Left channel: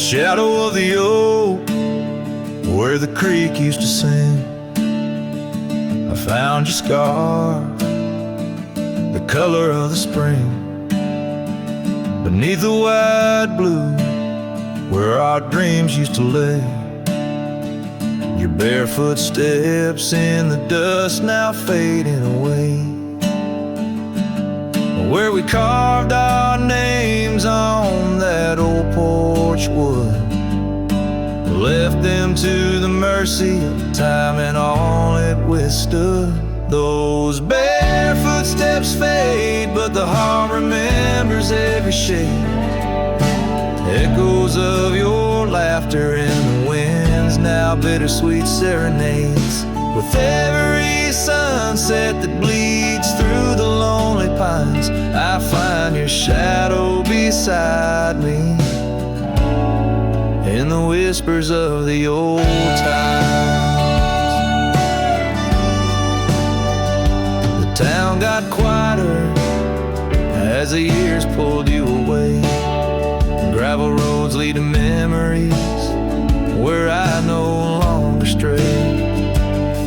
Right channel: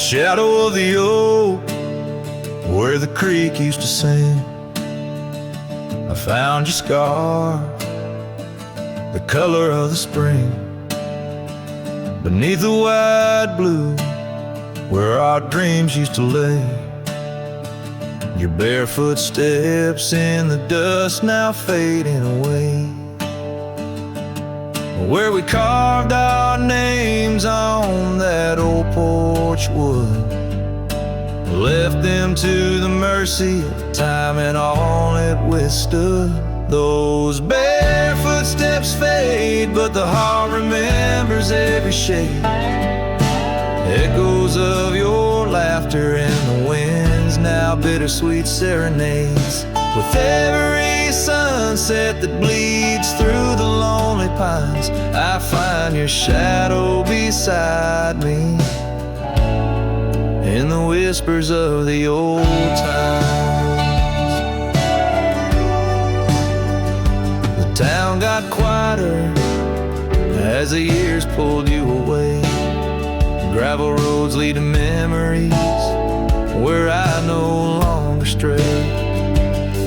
shadow of the oak, where the creek used to sing, I found your scar, the color of the spring. Beneath the wide blue, where our dreams used to lay, your barefoot steps in the dust now fading away. Where we carved our names on that old porch wood, left them to the mercy of time and all it withstood. Those barefoot steps fade, but the heart remembers every shade. Echoes of your laughter in the winds, now bittersweet serenades. With every sunset that bleeds through the lonely pines, I find your shadow beside me in the whispers of the old times. The town got quieter as the years pulled you away. Gravel roads lead to memories where I no longer stray.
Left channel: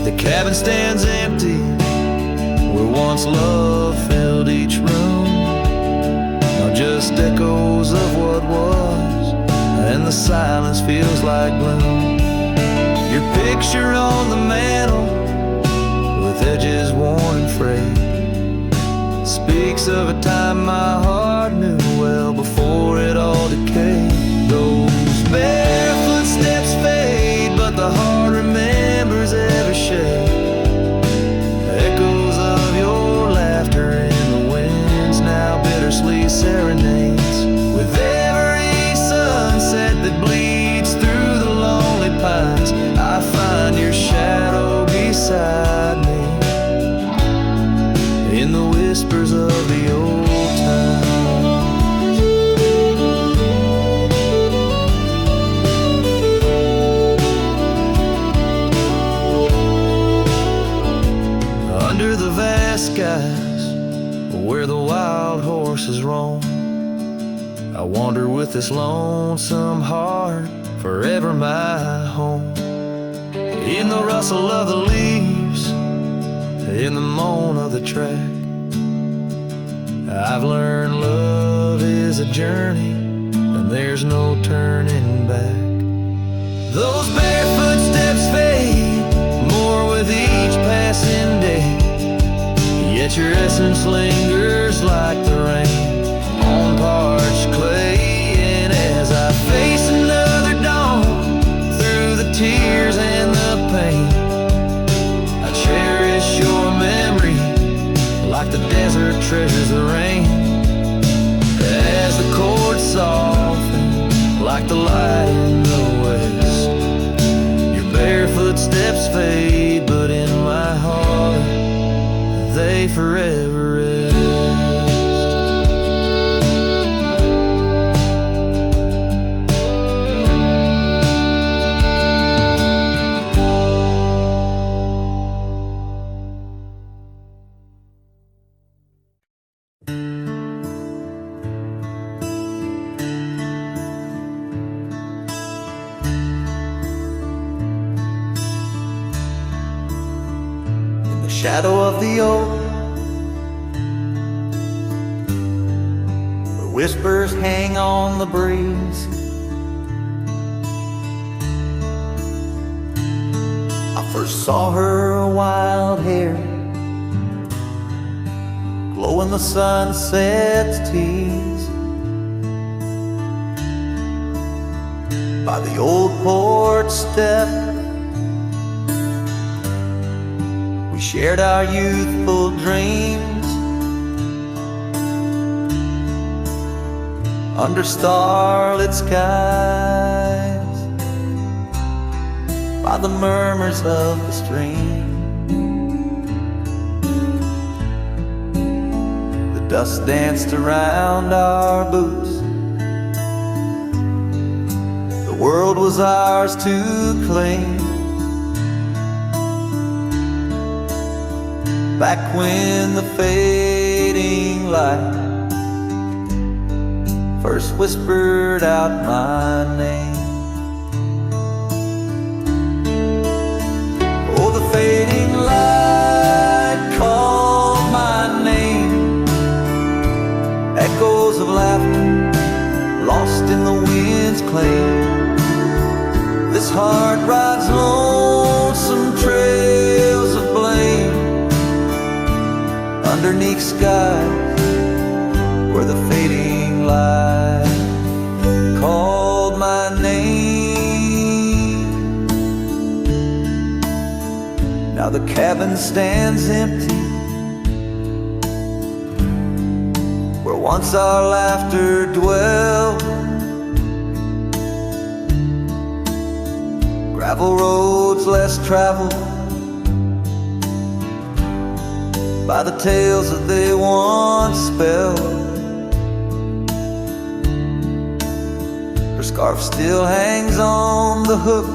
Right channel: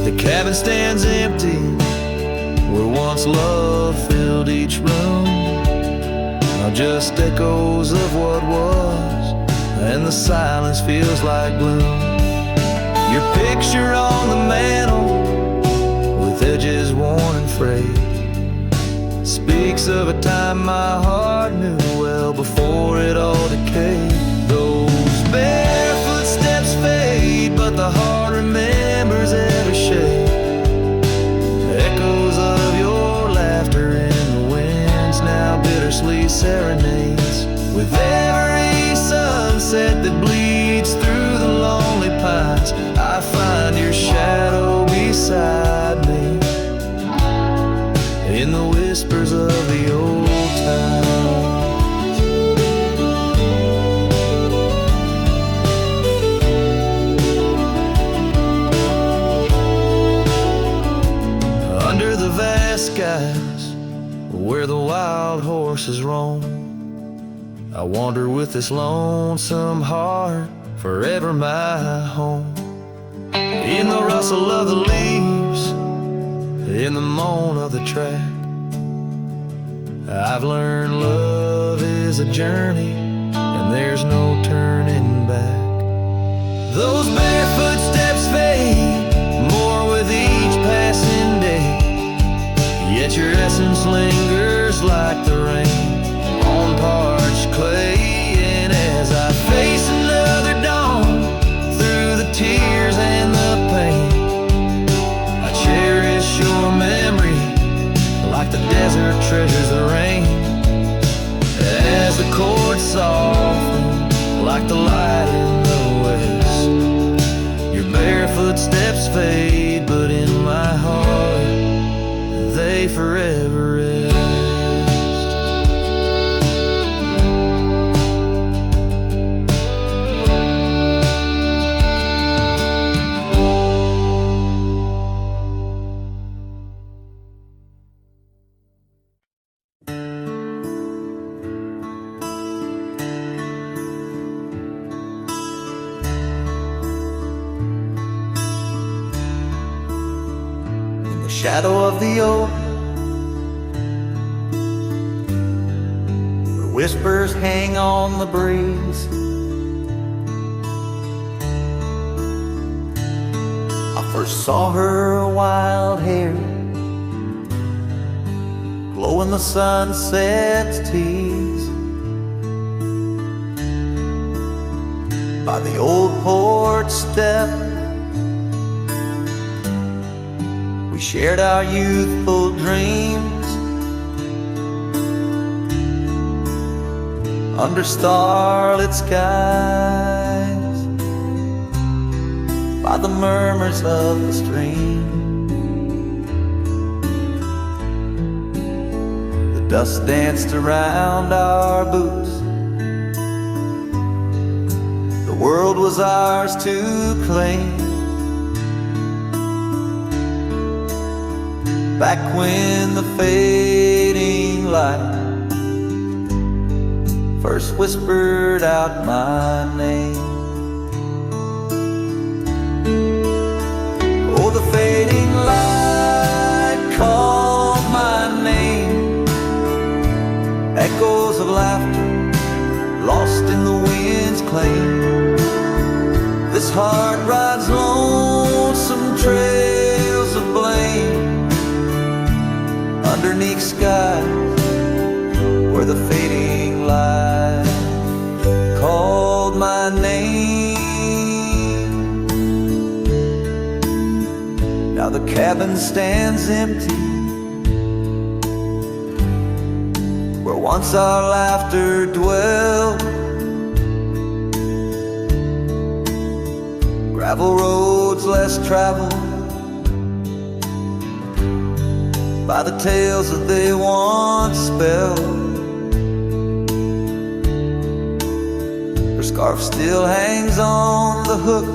The cabin stands empty where once love filled each room. Now just echoes of what was, and the silence feels like gloom. Your picture on the mantle, with edges worn and frayed, speaks of a time my heart knew well before it all decayed. Those barefoot steps fade, but the heart remembers every shade. Echoes of your laughter in the winds, now bittersweet serenades. With every sunset that bleeds through the lonely pines, I find your shadow beside me in the whispers of the old times. Under the vast skies where the wild horses roam, I wander with this lonesome heart, forever my home. In the rustle of the leaves, in the moan of the track, I've learned love is a journey and there's no turning back. Those barefoot steps fade more with each passing day, yet your essence lingers like the rain on parched clay. And as I face another dawn through the tears and the pain, I cherish your memory like the desert treasures the rain. As the chords soften like the light in the west, your barefoot steps fade, but in my heart they forever rest. Shadow of the oak, where whispers hang on the breeze, I first saw her wild hair glow in the sunset's tease. By the old porch step, we shared our youthful dreams under starlit skies, by the murmurs of the stream. The dust danced around our boots, the world was ours to claim. Back when the fading light first whispered out my name. Oh, the fading light called my name. Echoes of laughter lost in the wind's claim. This heart rides lonesome trails of blame underneath skies where the fading light called my name. Now the cabin stands empty where once our laughter dwelled. Gravel roads less traveled by the tales that they once spelled. Her scarf still hangs on the hook,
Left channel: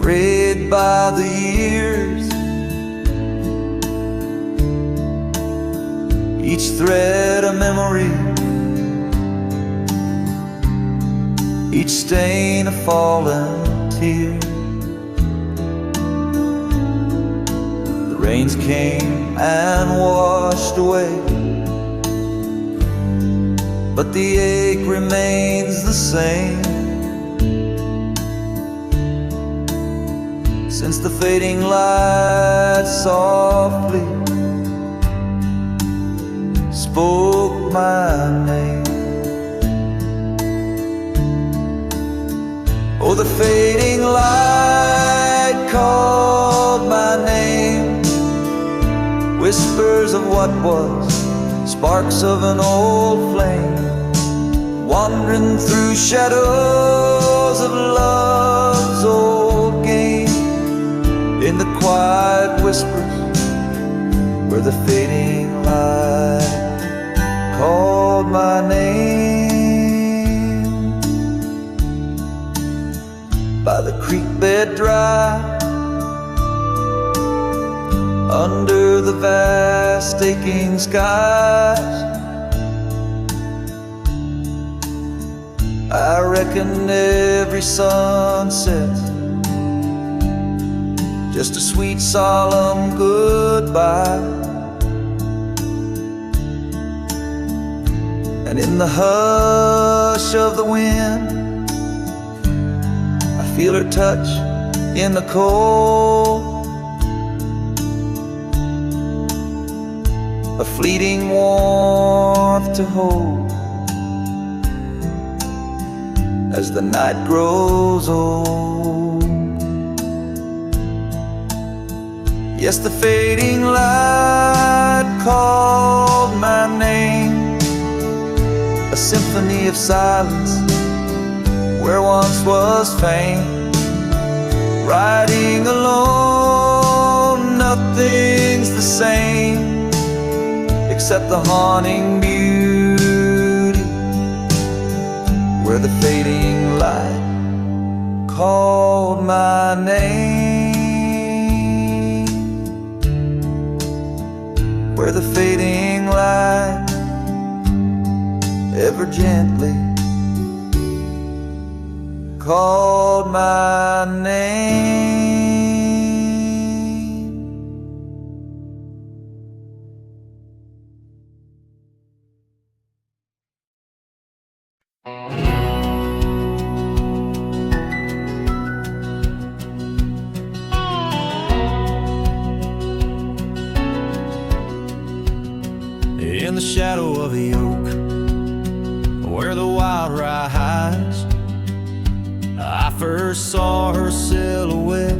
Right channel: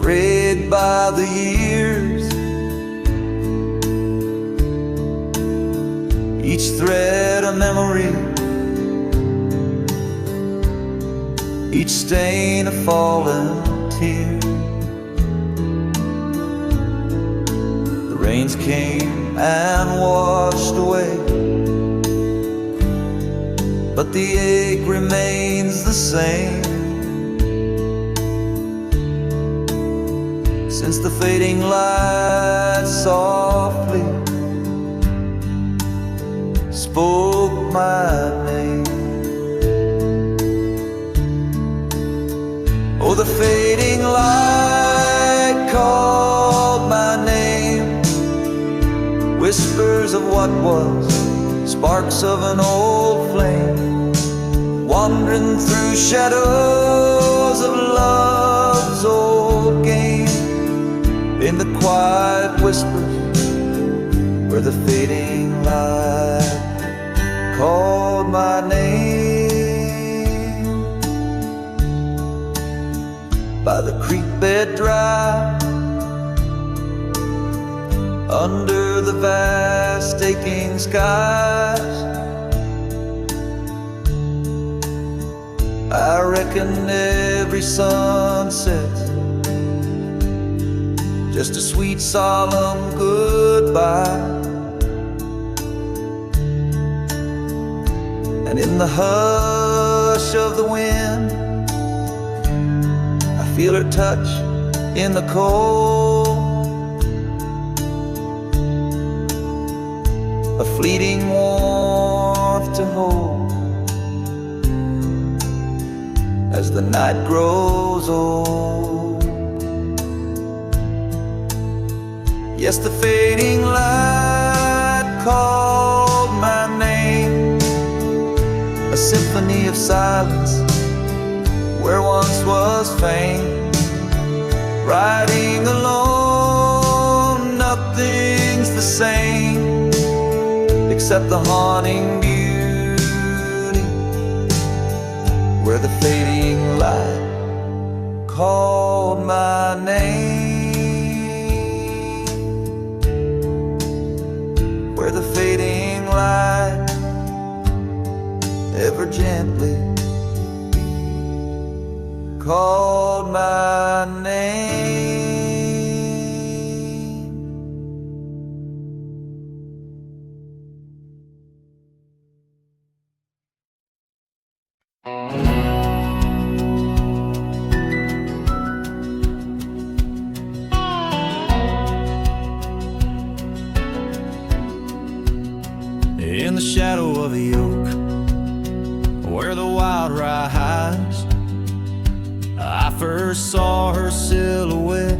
frayed by the years. Each thread a memory, each stain a fallen tear. The rains came and washed away, but the ache remains the same. Since the fading light softly spoke my name. Oh, the fading light called my name. Whispers of what was, sparks of an old flame, wandering through shadows of love's old game. In the quiet whispers where the fading light called my name. By the creek bed dry, under the vast aching skies, I reckon every sunset's just a sweet solemn goodbye. And in the hush of the wind, I feel her touch in the cold, a fleeting warmth to hold as the night grows old. Yes, the fading light called my name, a symphony of silence where once was fame. Riding alone, nothing's the same except the haunting beauty where the fading light called my name, where the fading light ever gently called my name. In the shadow of the oak, where the wild rye hides, I first saw her silhouette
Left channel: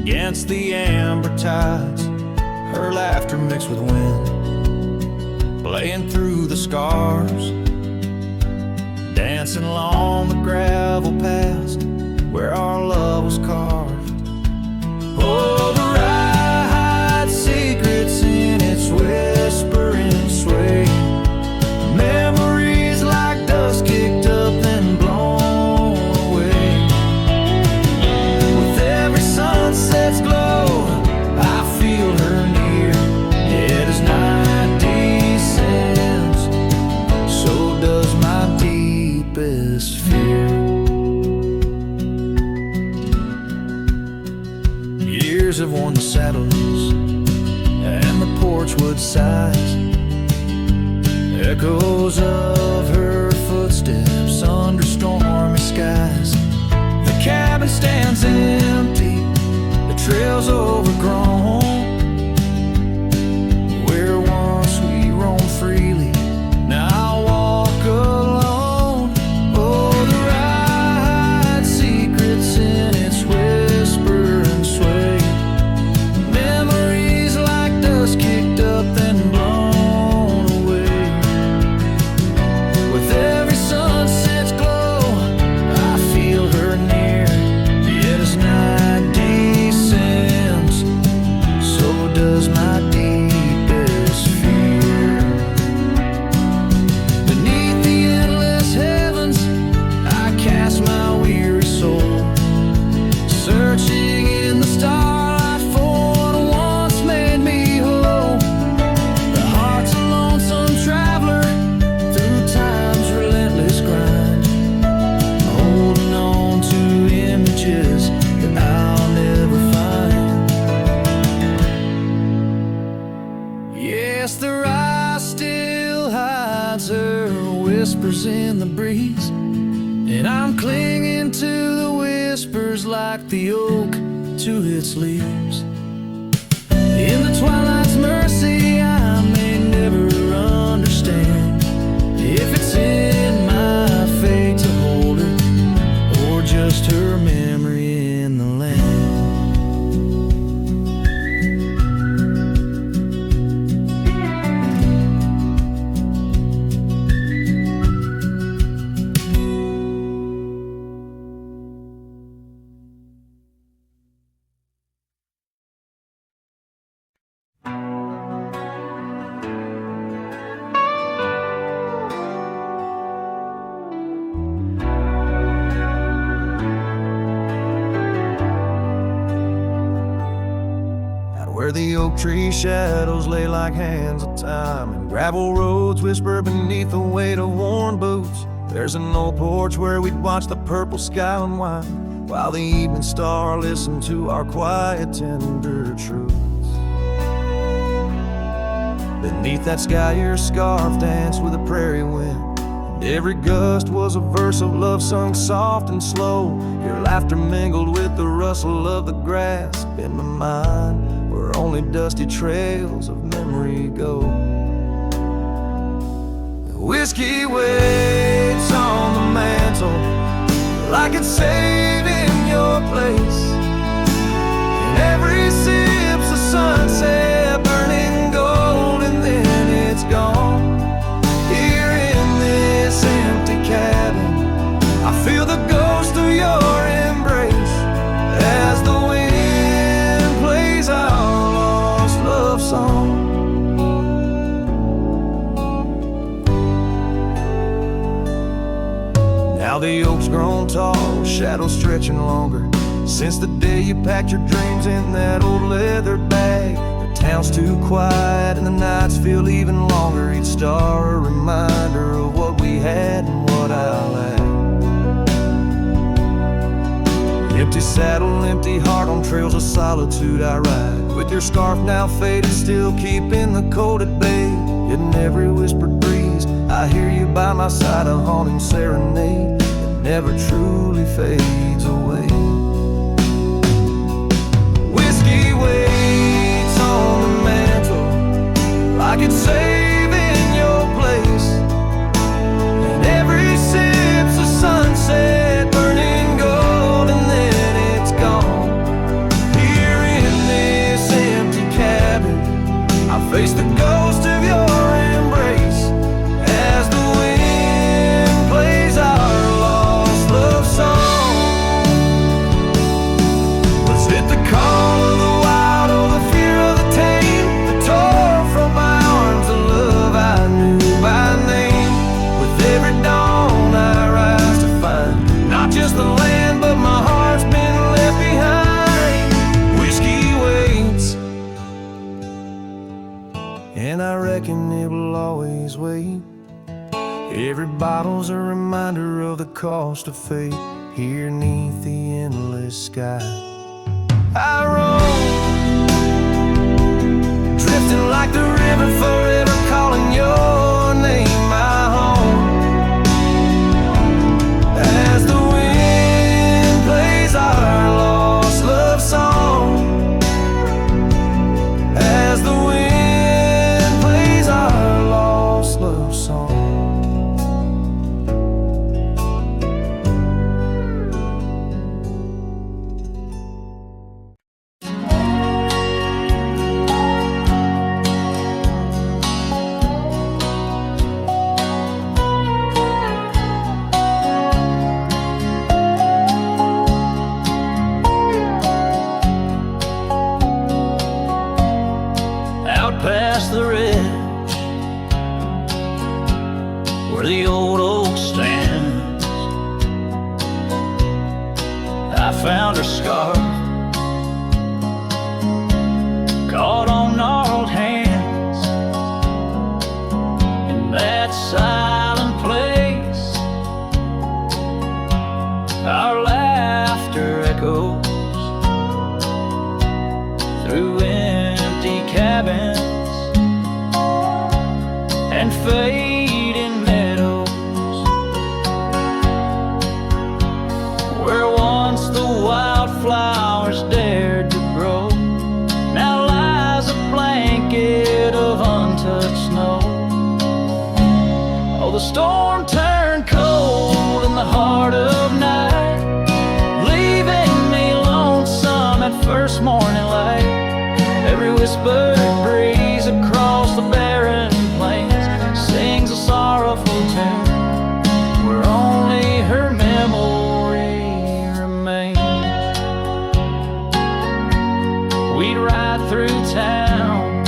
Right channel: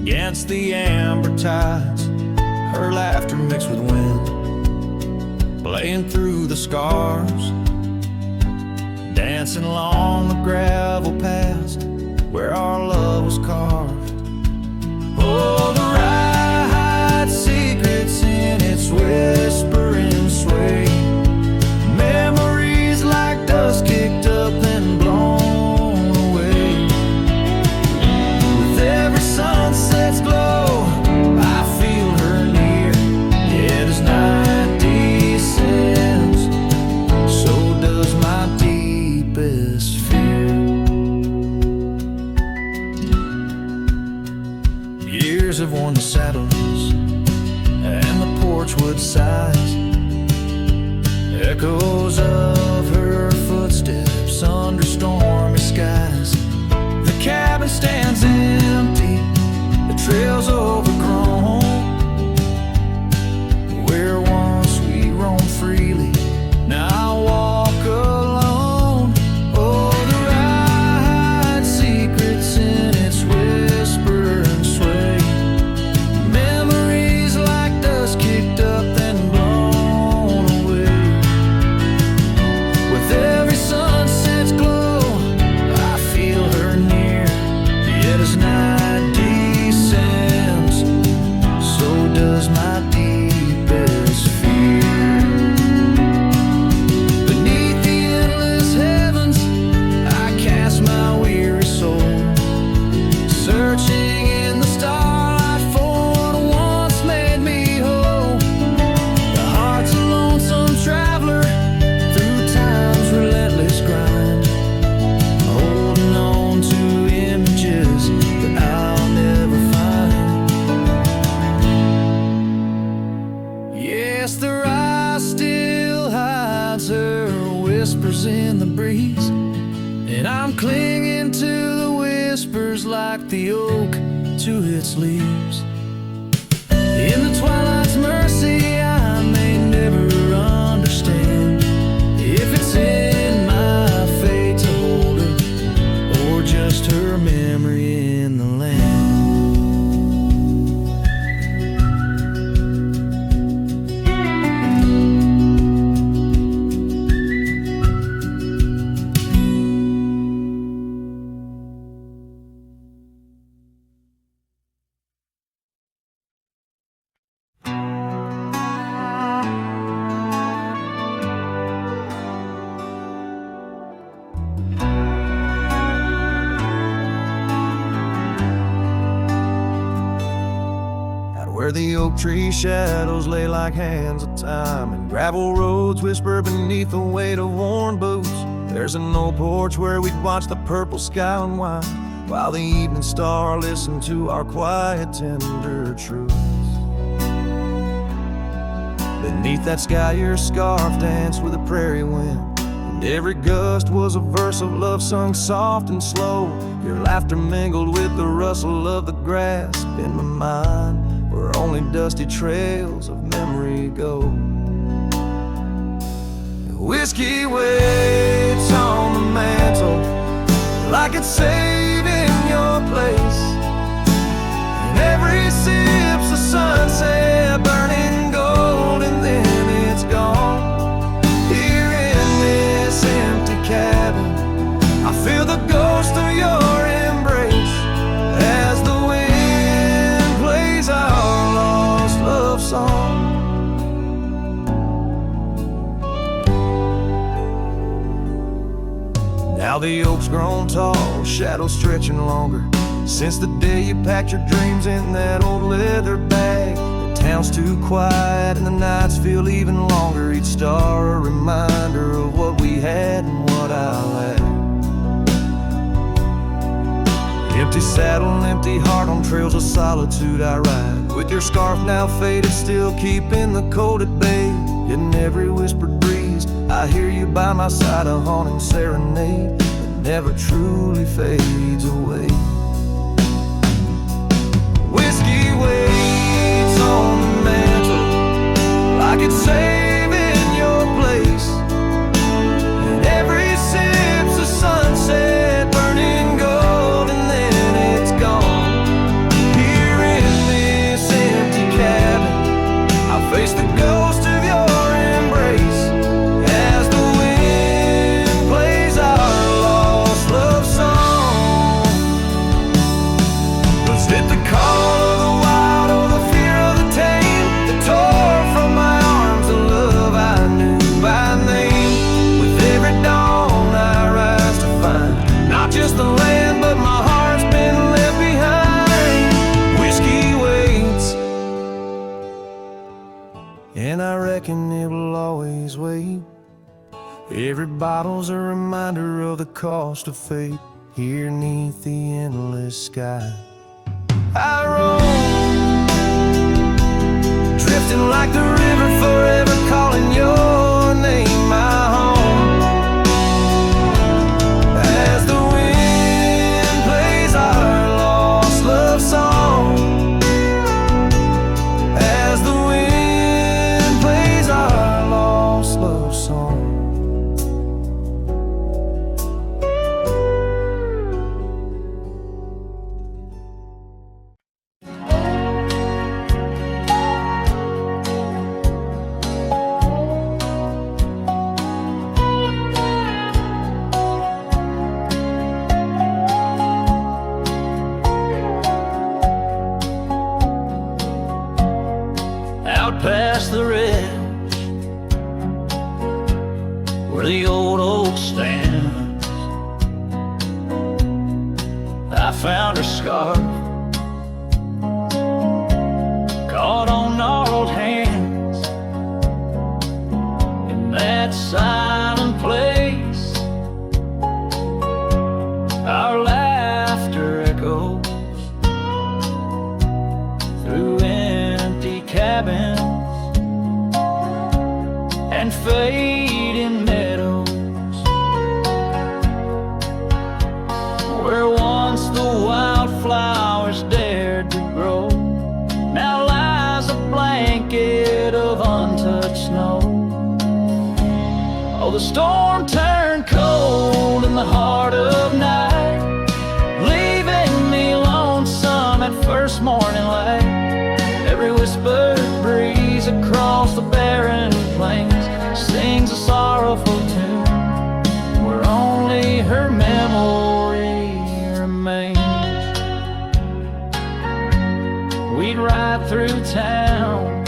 against the amber tides. Her laughter mixed with wind, playing through the scars, dancing along the gravel paths where our love was carved. Oh, the rye hides secrets in its whispering sway, memories like dust kicked up and blown away. With every sunset's glow, I feel her near. Yet as night descends, years have worn the saddles and the porch wood sighs, echoes of her footsteps under stormy skies. The cabin stands empty, the trail's overgrown. Where once we roamed freely, now I walk alone. Oh, the ride, secrets in its whisper and sway. Memories like dust kicked up then blown away. With every sunset's glow, I feel her near. Yet as night descends, so does my deepest fear. Beneath the endless heavens, I cast my weary soul, searching in the starlight for what once made me whole. The heart's a lonesome traveler through time's relentless grind, holding on to images that I'll never find. Yes, the rise still hides her whispers in the breeze, and I'm clinging to the whispers like the oak to its leaves. In the twilight's mercy, I may never understand if it's in my fate to hold her, or just her memory in the land. Where the oak tree shadows lay like hands of time, and gravel roads whisper beneath the weight of worn boots, there's an old porch where we'd watch the purple sky unwind, while the evening star listened to our quiet, tender truths. Beneath that sky your scarf danced with the prairie wind, and every gust was a verse of love sung soft and slow. Your laughter mingled with the rustle of the grass in my mind, where only dusty trails of memory go. Whiskey waits on the mantle like it's saving your place, and every sip's a sunset burning gold, and then it's gone. Here in this empty cabin, I feel the ghost of your embrace as the wind plays our lost love song. Now the oak's grown tall, shadows stretching longer, since the day you packed your dreams in that old leather bag. The town's too quiet and the nights feel even longer, each star a reminder of what we had and what I lacked. Empty saddle, empty heart, on trails of solitude I ride, with your scarf now faded, still keeping the cold at bay. Yet in every whispered breeze I hear you by my side, a haunting serenade that never truly fades away. Whiskey waits on the mantle like it's saving your place, and every sip's a sunset burning gold, and then it's gone. Here in this empty cabin, I face the ghost of your embrace as the wind plays our lost love song. Was it the call of the wild or the fear of the tame that tore from my arms the love I knew by name? With every dawn I rise to find not just the land, but my heart's been left behind. Whiskey waits, and I reckon it will always wait. Every bottle's a reminder of the cost of fate. Here 'neath the endless sky I roam distant like the river, forever calling your name my home. As the wind plays our lost love song, as the wind plays our lost love song. Past the ridge where the old oak stands, I found her scarf caught on gnarled hands. In that silent place, our laughter echoes through empty cabins and fading meadows, where once the wildflowers dared to grow, now lies a blanket of untouched snow. Oh, the storm turned cold in the heart of night, leaving me lonesome at first morning light. Every whispered breeze across the barren plains sings a sorrowful tune, where only her memory remains. We'd ride through town,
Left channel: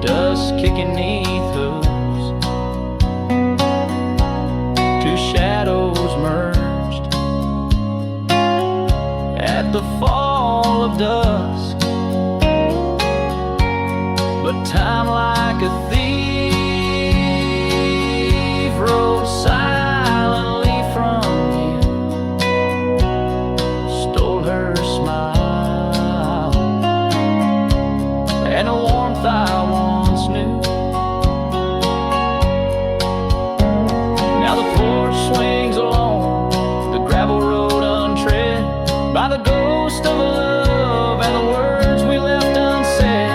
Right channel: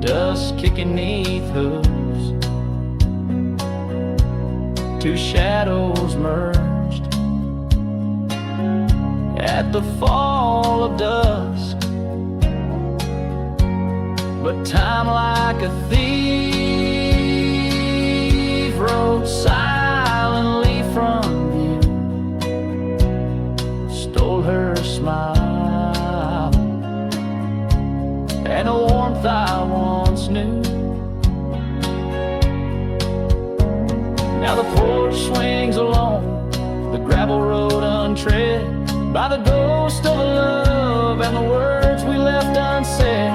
dust kicking 'neath hooves, two shadows merged at the fall of dusk. But time, like a thief, rode silently from view, stole her smile and a warmth I once knew. Now the porch swings alone, the gravel road untread by the ghost of a love and the words we left unsaid.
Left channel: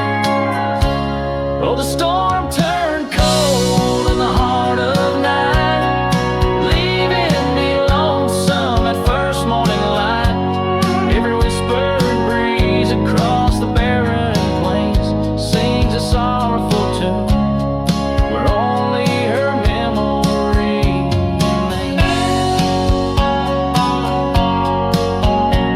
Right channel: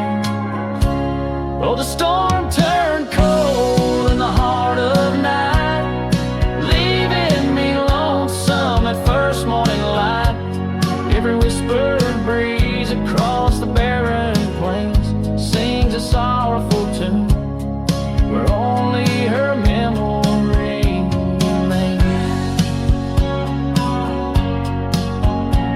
Oh, the storm turned cold in the heart of night, leaving me lonesome at first morning light. Every whispered breeze across the barren plains sings a sorrowful tune, where only her memory remains.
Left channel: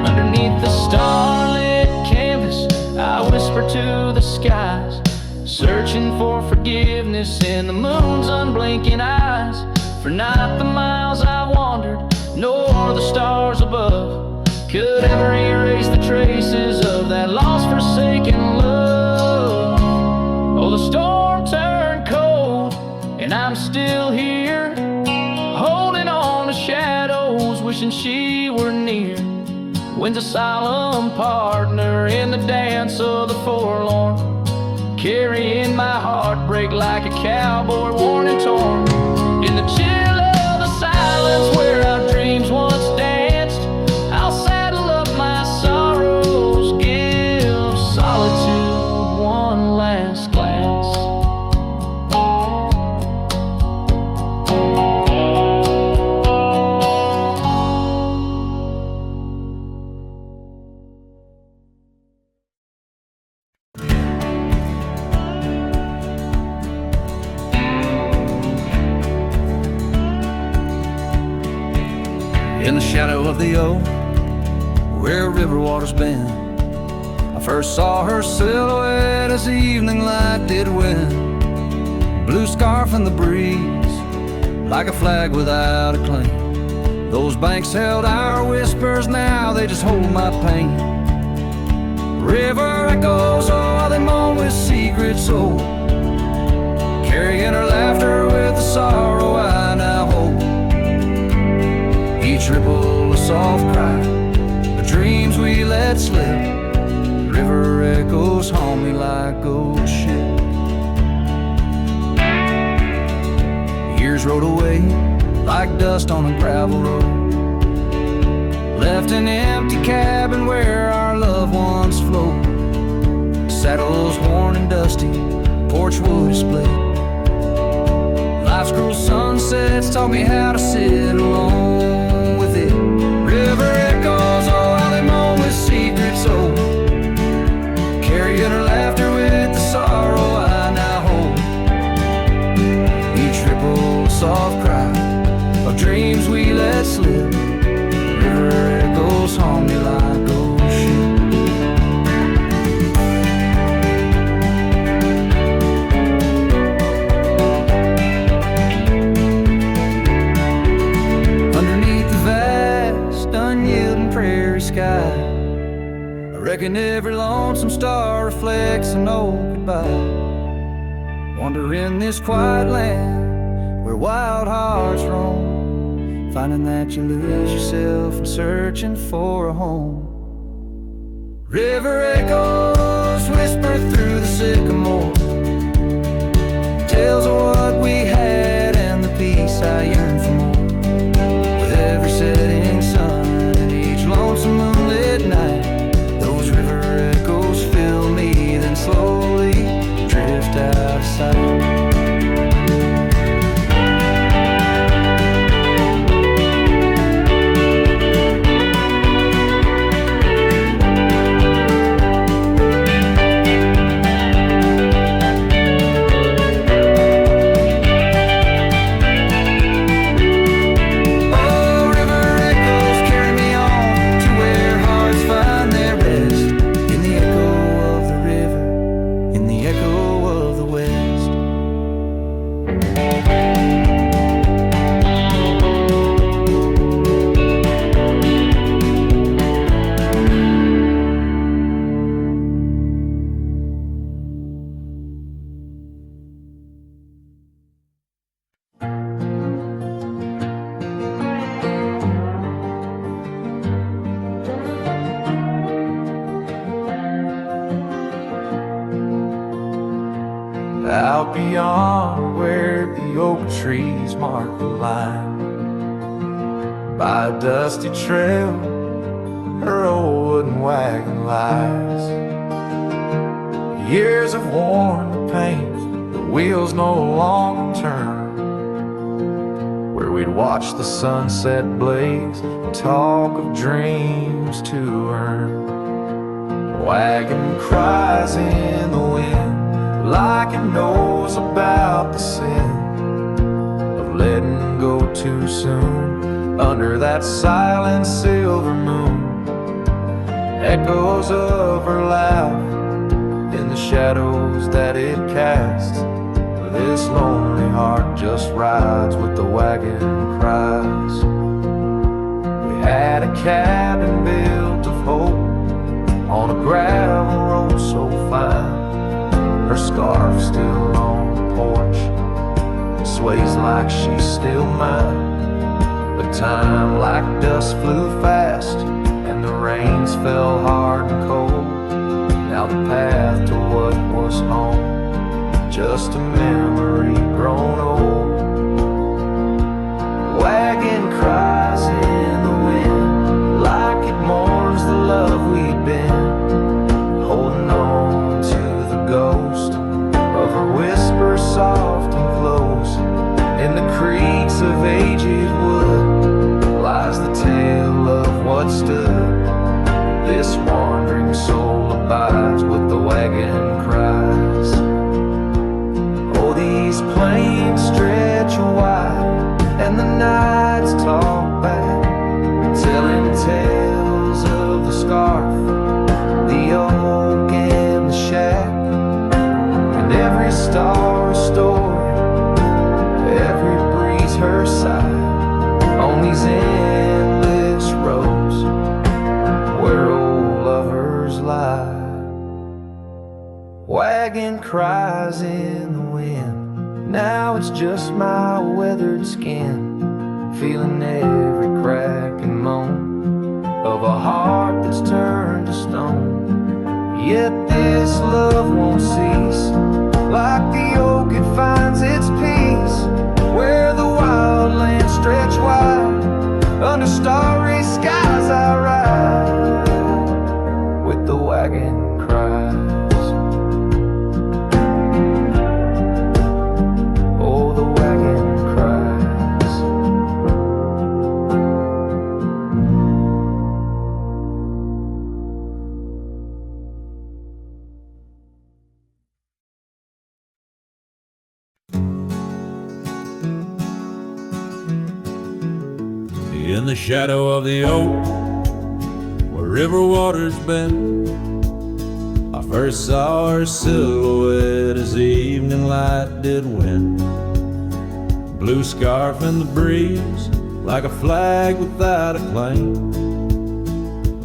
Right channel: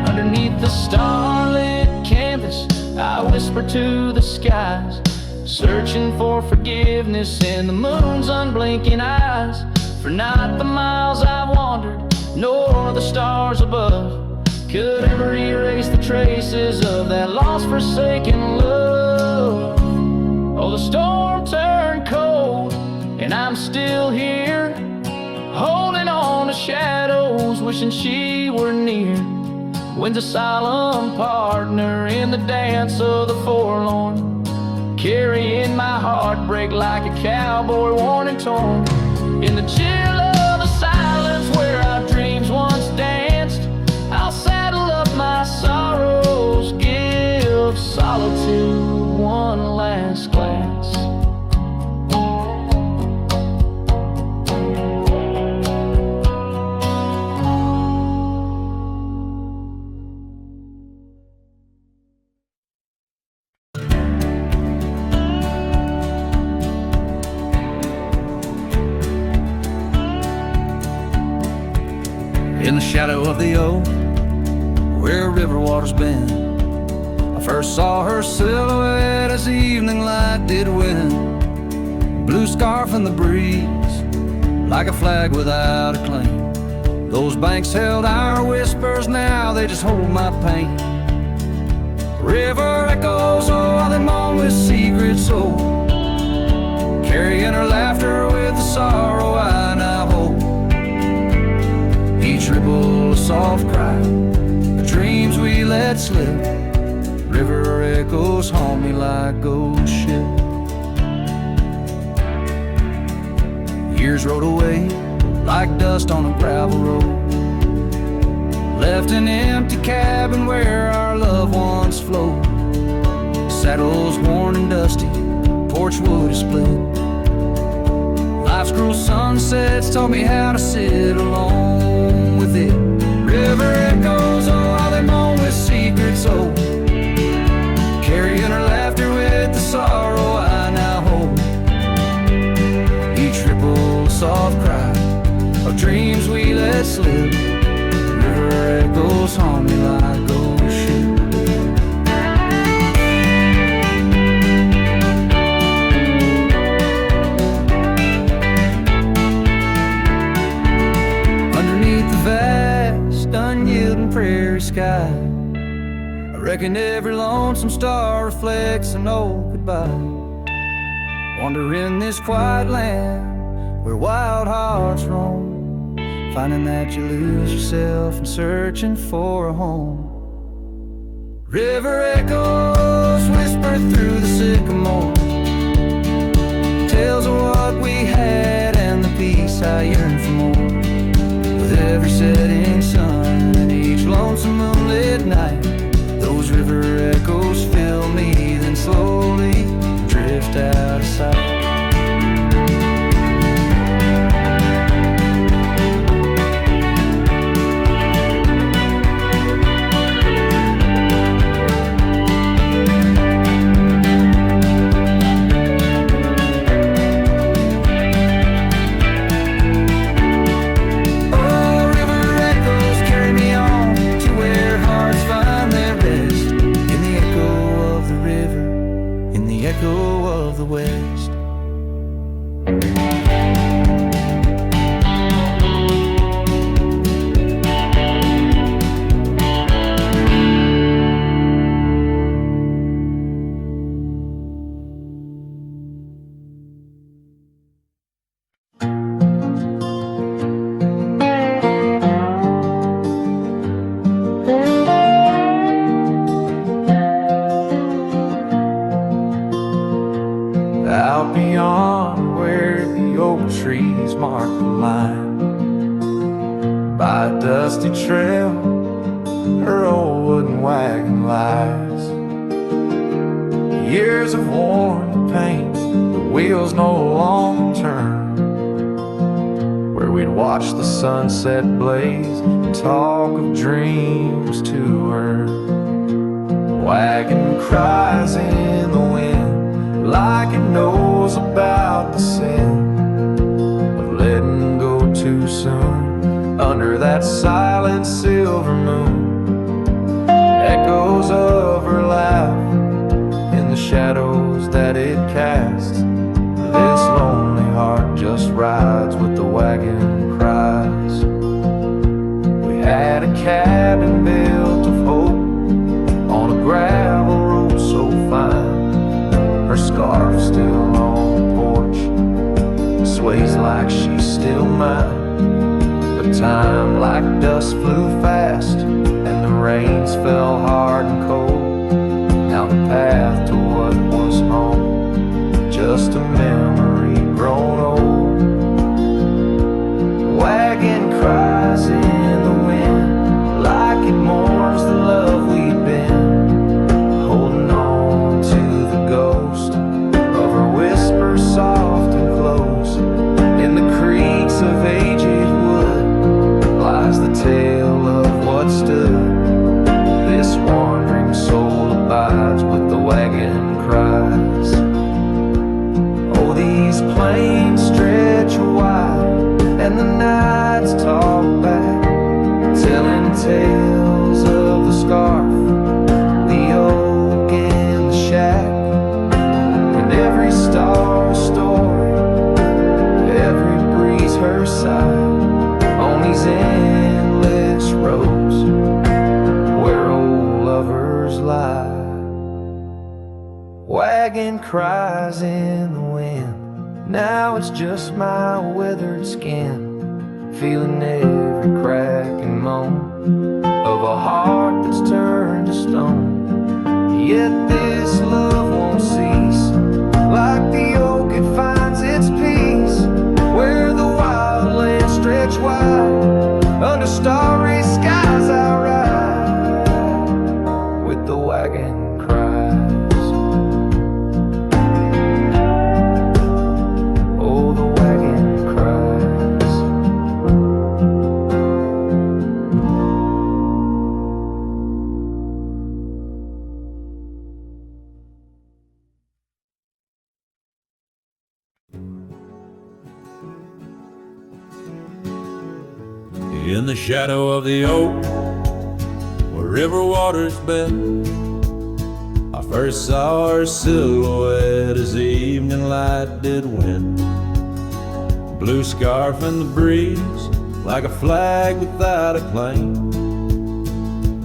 Underneath the starlit canvas, I whisper to the skies, searching for forgiveness in the moon's unblinking eyes. For not the miles I've wandered, nor the stars above, could ever erase the traces of that lost, forsaken love. Oh, the storm turned cold, and I'm still here, holding on to shadows, wishing she were near. Wind's a solemn partner in the dance of the forlorn, carrying my heartbreak like a cowboy worn and torn. In the chill of the silence where our dreams once danced, I'll saddle up my sorrows, give solitude one last glance. In the shadow of the oak, where river water's been, I first saw her silhouette as the evening light did win. Blue scarf in the breeze, like a flag without a claim. Those banks held our whispers, now they just hold my pain. River echoes, oh, how they moan with secrets old, carrying her laughter with the sorrow I now hold. Each ripple a soft cry, the dreams we let slip, river echoes haunt me like ghost ship. Years rode away like dust on a gravel road, left an empty cabin where our loved ones float. Saddles worn and dusty, porch wood is split. Life's cruel sunsets taught me how to sit alone with it. River echoes, oh how they moan with secrets so carrying her laughter with the sorrow I now hold. Each ripple a soft cry of dreams we let slip. River echoes haunt me like ghost ship. Underneath the vast, unyielding prairie sky, I reckon every lonesome star reflects an old goodbye. Wander in this quiet land where wild hearts roam, finding that you lose yourself and searching for a home. River echoes whisper through the sycamore, tales of what we had and the peace I yearn for more. With every setting sun and each lonesome moonlit night, those river echoes fill me, then slowly drift out of sight. In the echo of the West. Out beyond where the oak trees mark the line, by a dusty trail her old wooden wagon lies. Years have worn the paint, the wheels no longer turn. Where we'd watch the sunset blaze and talk of dreams to earn. Wagon cries in the wind like it knows about the sin of letting go too soon under that silent silver moon. Echoes of her laugh in the shadows that it casts. This lonely heart just rides with the wagon cries. We had a cabin built of hope on a gravel road so fine. Her scarf still on the porch sways like she's still mine. But time like dust flew fast and the rains fell hard and cold. Now the path to what was home, just a memory grown old. Wagon cries in the wind like it mourns the love we'd been, holding on to the ghost of her whisper soft and close. In the creaks of aged wood lies the tale of what stood. This wandering soul abides with the wagon cries. Oh, these plains stretch wide and the nights talk back, telling tales of the scarf, the oak and the shack, and every star a story, every breeze her sigh, on these endless roads where old lovers lie. Wagon cries in the wind, now it's just my weathered skin, feeling every crack and moan of a heart that's turned to stone. Yet this love won't cease. Like the oak, it finds its peace where the wild lands stretch wide. Under starry skies I ride with the wagon cries. Oh, the wagon cries. In the shadow of the oak, where river waters bend, I first saw her silhouette as the evening light did win. Blue scarf in the breeze, like a flag without a claim.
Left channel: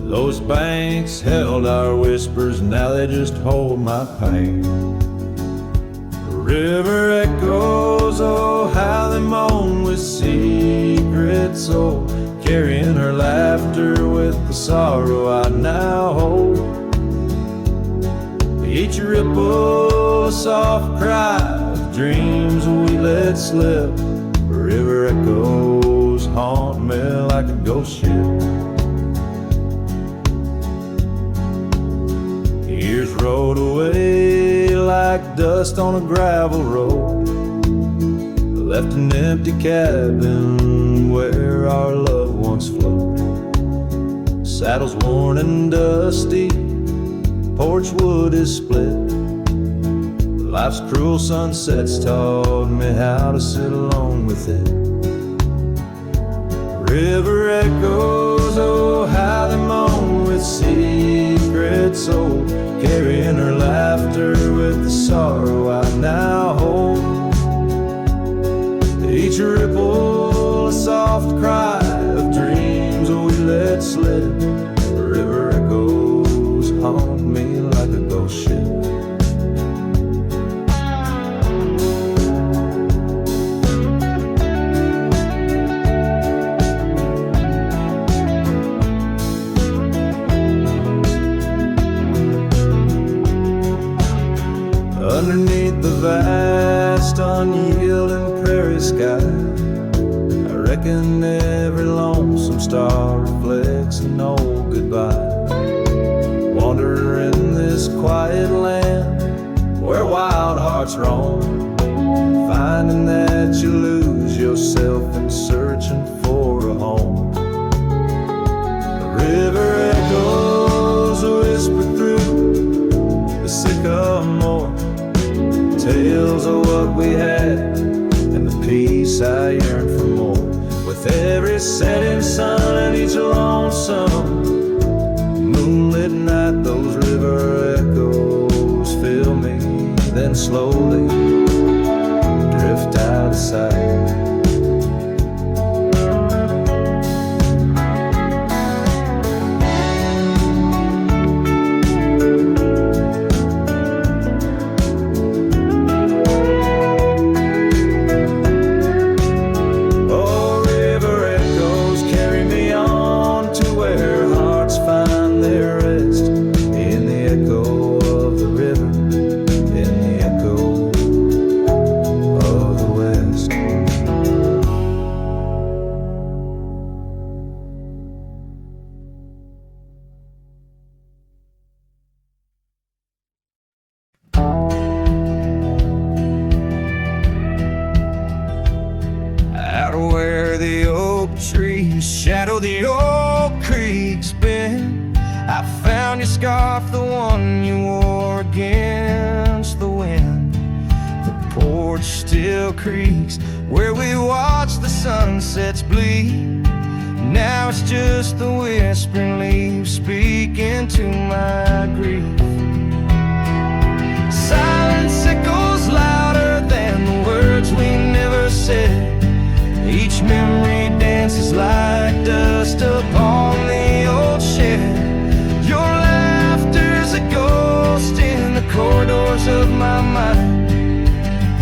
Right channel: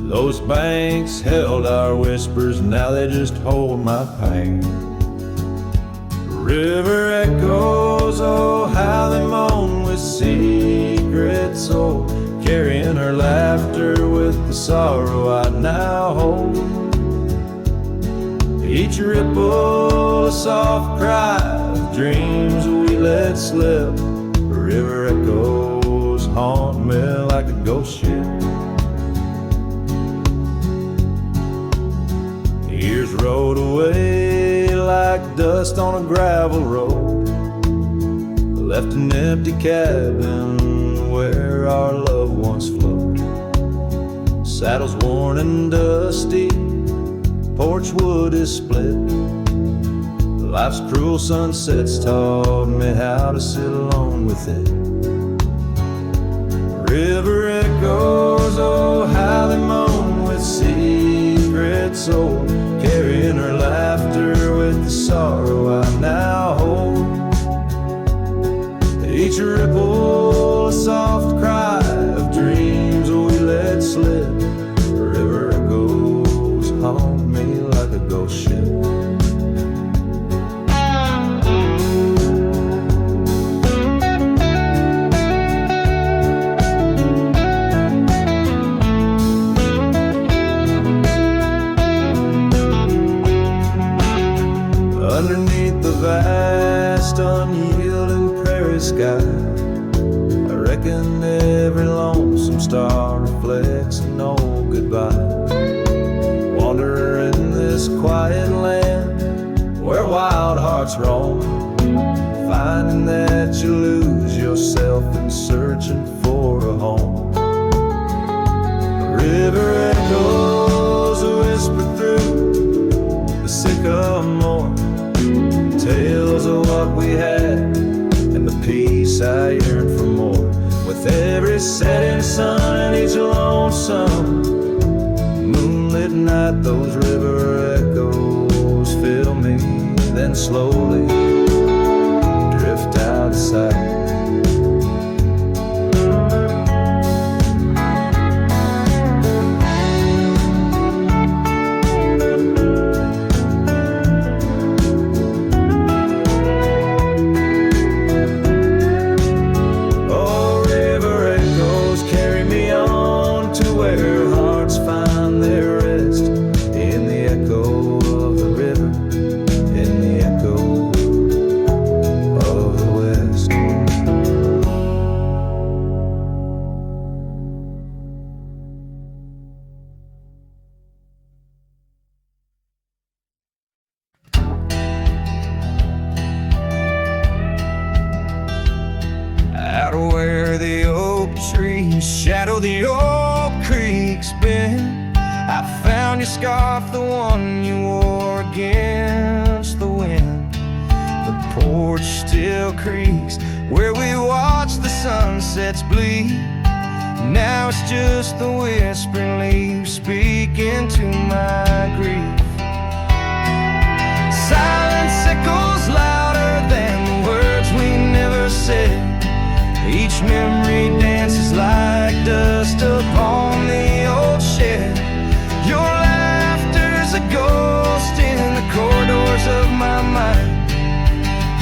Those banks held our whispers, now they just hold my pain. River echoes, oh how they moan with secret soul, carrying her laughter with the sorrow I now hold. Each ripple a soft cry of dreams we let slip. River echoes haunt me like a ghost ship. Years rolled away like dust on a gravel road, left an empty cabin where our love once flowed. Saddles worn and dusty, porch wood is split. Life's cruel sunsets taught me how to sit alone with it. River echoes, oh how they moan with secret soul, carrying her laughter with the sorrow I now hold. Each ripple a soft cry of dreams we let slip. River echoes haunt me like a ghost ship. Underneath the vast, unyielding prairie sky, I reckon every lonesome star reflects an old goodbye. Wander in this quiet land where wild hearts roam, finding that you lose yourself in searching for a home. The river echoes whisper through the sycamore, tales of what we had and the peace I yearn for more. With every setting sun and each lonesome moonlit night, those river echoes fill me, then slowly drift out of sight. Find their rest in the echo of the river, in the echo of the West. Out where the oak trees shadow the old creek's bend, I found your scarf, the one you wore against the wind. The porch still creaks where we watch the sunsets bleed. Now it's just the whispering leaves speaking to my grief. Silence echoes louder than the words we never said. Each memory dances like dust upon the old shed. Your laughter's a ghost in the corridors of my mind,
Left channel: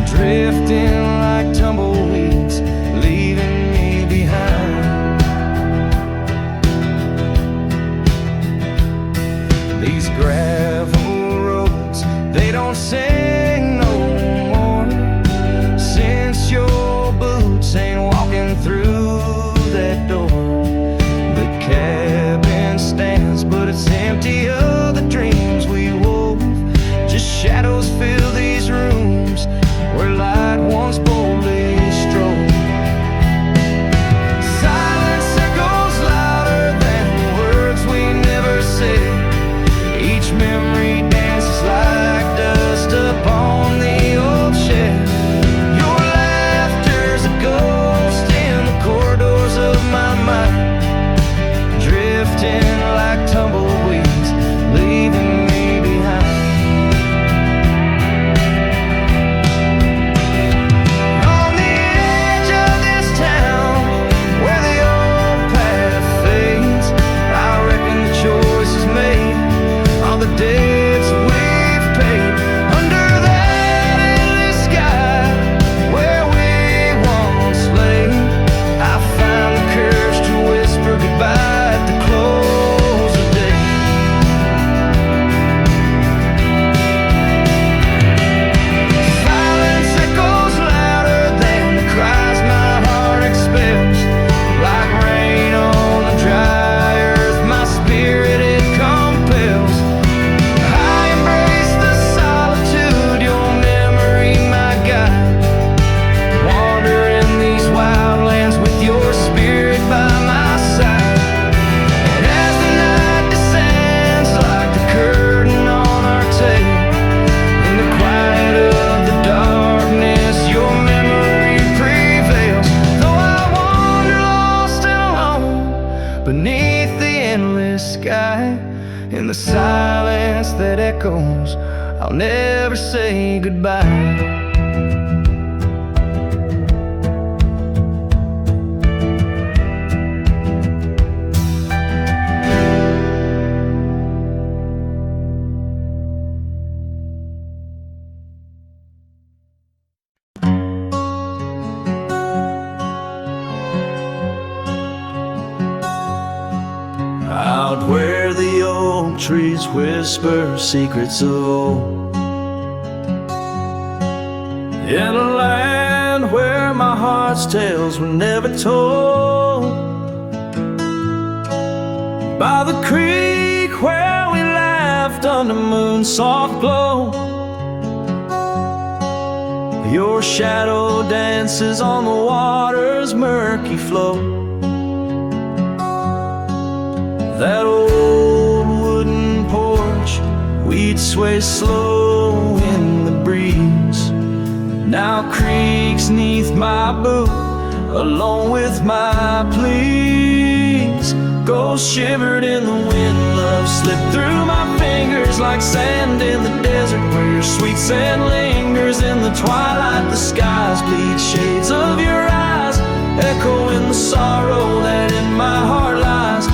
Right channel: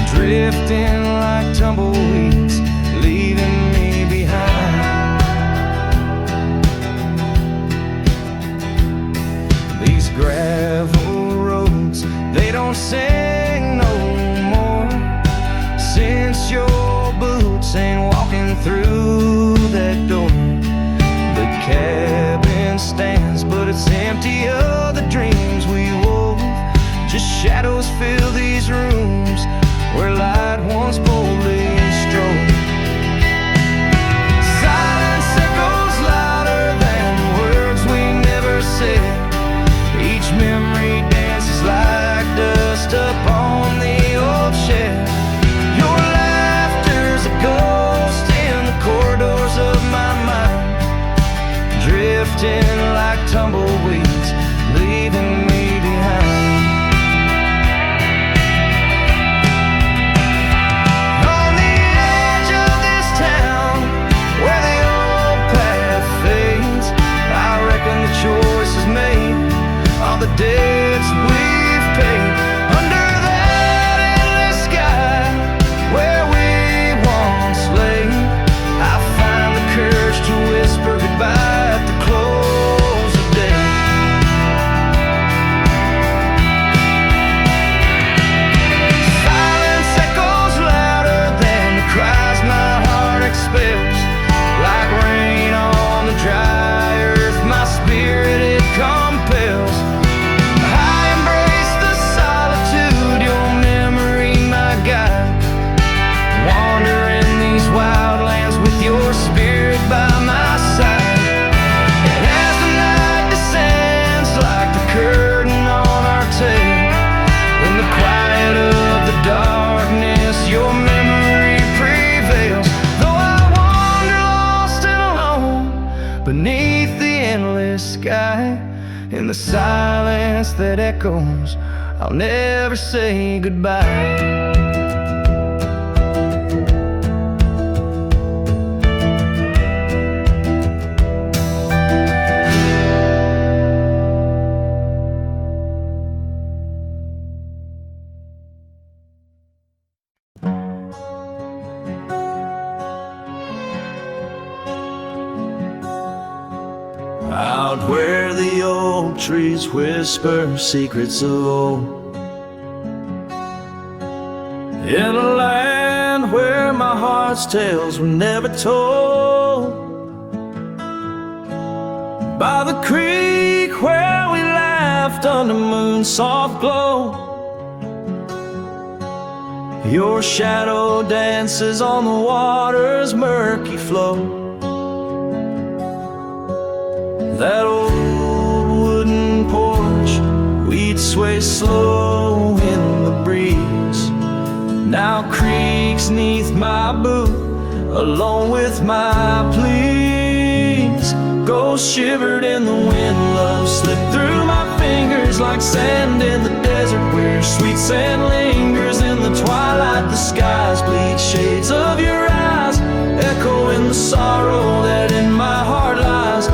drifting like tumbleweeds, leaving me behind. These gravel roads, they don't sing no more, since your boots ain't walking through that door. The cabin stands, but it's empty of the dreams we wove. Just shadows fill these rooms where light once boldly strode. Silence echoes louder than the words we never said. Each memory dances like dust upon the old shed. Your laughter's a ghost in the corridors of my mind, drifting like tumbleweeds, leaving me behind. On the edge of this town, where the old path fades, I reckon the choice is made, all the debts we've paid. Under that endless sky, where we once lay, I find the courage to whisper goodbye at the close of day. Silence echoes louder than the cries my heart expels. Like rain on the dry earth, my spirit it compels. I embrace the solitude, your memory my guide. Wander in these wild lands with your spirit by my side. And as the night descends like the curtain on our tale, in the quiet of the darkness, your memory prevails. Though I wander lost and alone beneath the endless sky, in the silence that echoes, I'll never say goodbye. Out where the oak trees whisper secrets of old, in a land where my heart's tales were never told, by the creek where we laughed under moon's soft glow, your shadow dances on the water's murky flow. That old wooden porch, we'd sway slow in the breeze, now creaks neath my boot, along with my pleas. Ghosts shivered in the wind, love slipped through my fingers like sand in the desert, where your sweet scent lingers in the twilight. The skies bleed shades of your eyes, echo in the sorrow that in my heart lies.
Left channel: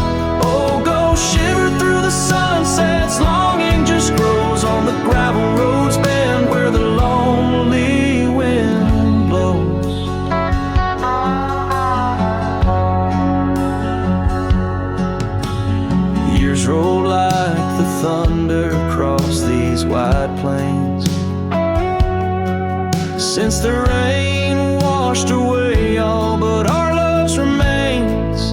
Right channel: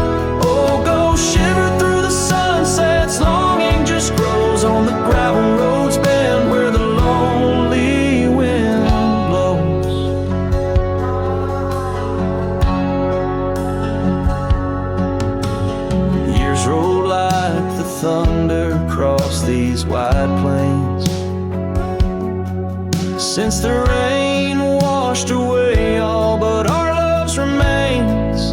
Oh, go shiver through the sunsets, longing just grows on the gravel roads bend where the lonely wind blows. Years roll like the thunder across these wide plains, since the rain washed away all but our love's remains.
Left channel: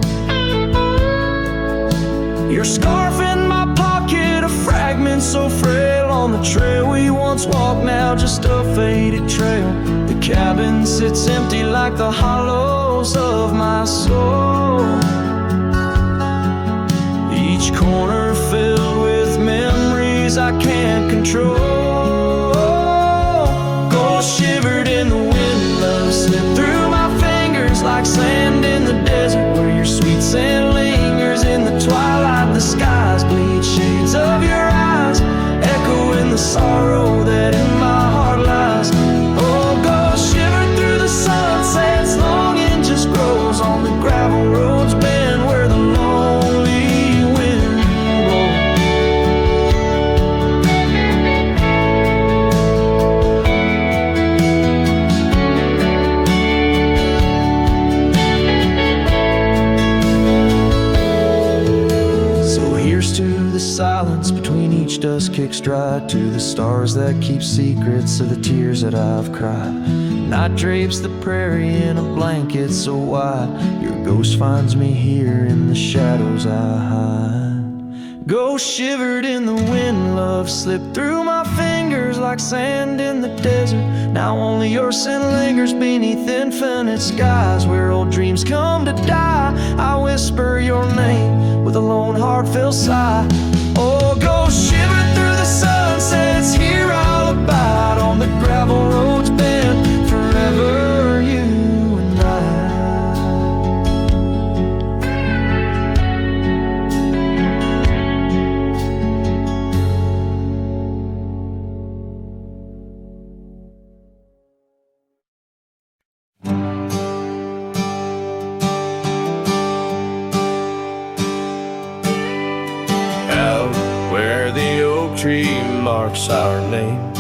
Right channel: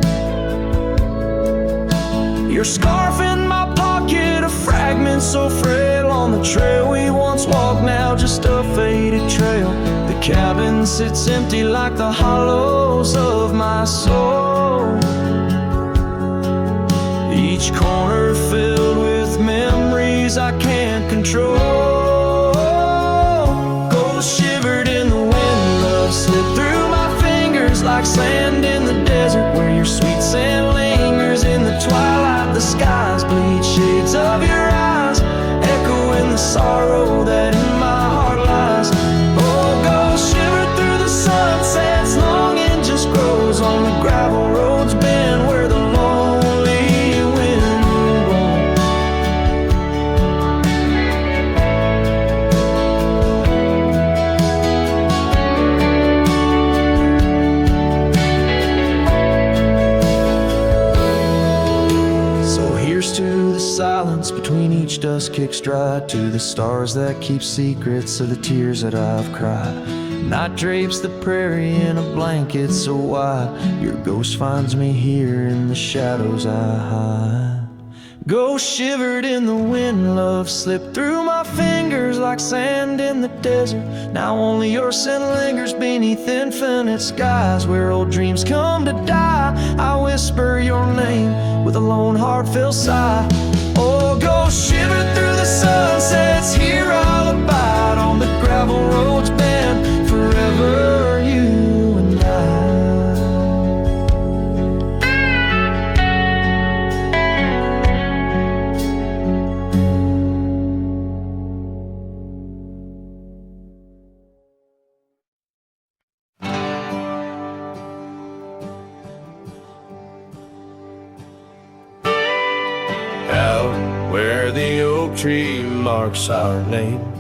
Your scarf in my pocket, a fragment so frail on the trail we once walked, now just a faded trail. The cabin sits empty like the hollows of my soul, each corner filled with memories I can't control. Ghosts shivered in the wind, love slipped through my fingers like sand in the desert, where your sweet scent lingers in the twilight. The skies bleed shades of your eyes, echo in the sorrow that in my heart lies. Oh, go shiver through the sunsets, longing just grows on the gravel roads bend where the lonely wind blows. So here's to the silence between each dust kick stride, to the stars that keep secrets of the tears that I've cried. Night drapes the prairie in a blanket so wide, your ghost finds me here in the shadows I hide. Ghost shivered in the wind, love slipped through my fingers like sand in the desert. Now only your scent lingers beneath infinite skies, where old dreams come to die. I whisper your name with a lone heartfelt sigh. Oh, ghost shivered through the sunsets, here I'll abide on the gravel roads bend forever, you and I. Out where the oak tree marks our names,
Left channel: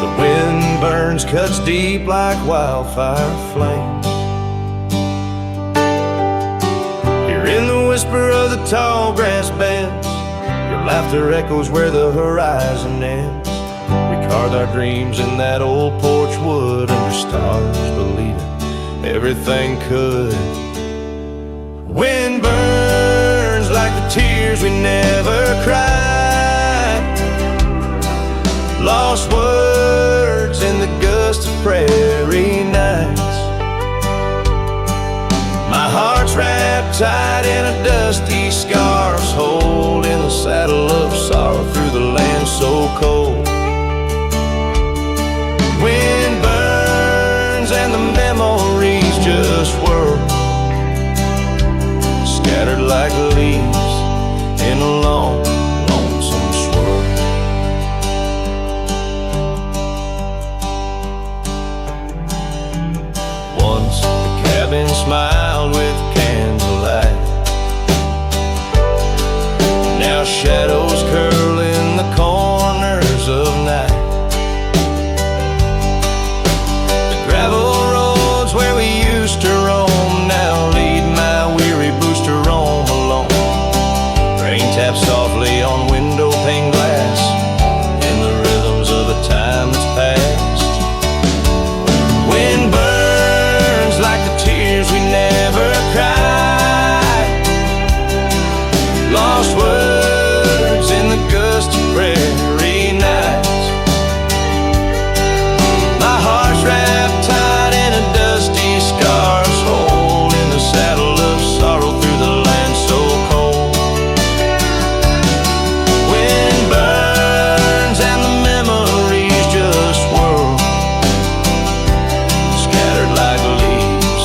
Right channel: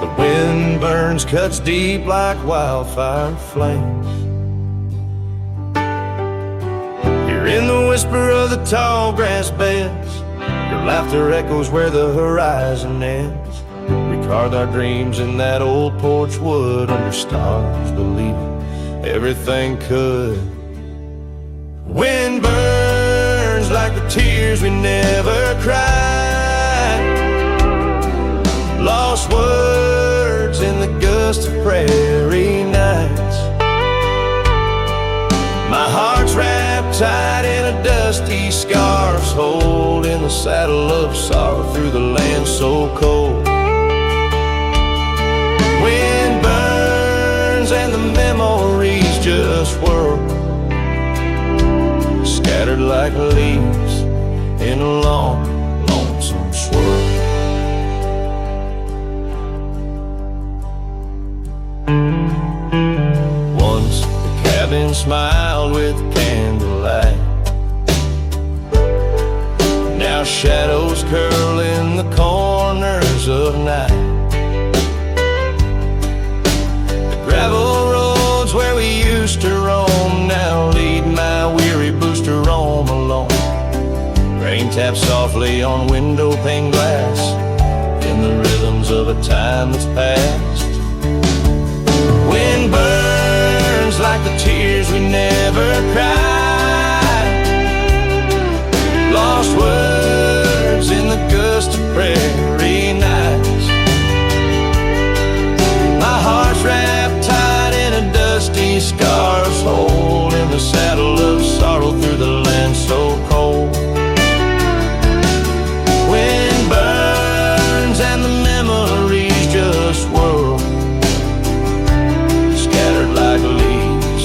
the wind burns, cuts deep like wildfire flames. Here in the whisper of the tall grass beds, your laughter echoes where the horizon ends. We carved our dreams in that old porch wood under stars, believing everything could. Wind burns like the tears we never cried, lost words in the gust of prairie nights. My heart's wrapped tight in a dusty scarf's hold, in the saddle of sorrow through the land so cold. Wind burns and the memories just whirl, scattered like leaves in a long, lonesome swirl. Once the cabin smiled with candlelight, now shadows curl in the corners of night. The gravel roads where we used to roam now lead my weary boots to roam alone. Rain taps softly on window pane glass in the rhythms of a time that's past. Wind burns like the tears we never cried, lost words in the gust of prairie nights. My heart's wrapped tight in a dusty scarf's hold, in the saddle of sorrow through the land so cold. Wind burns and the memories just whirl, scattered like leaves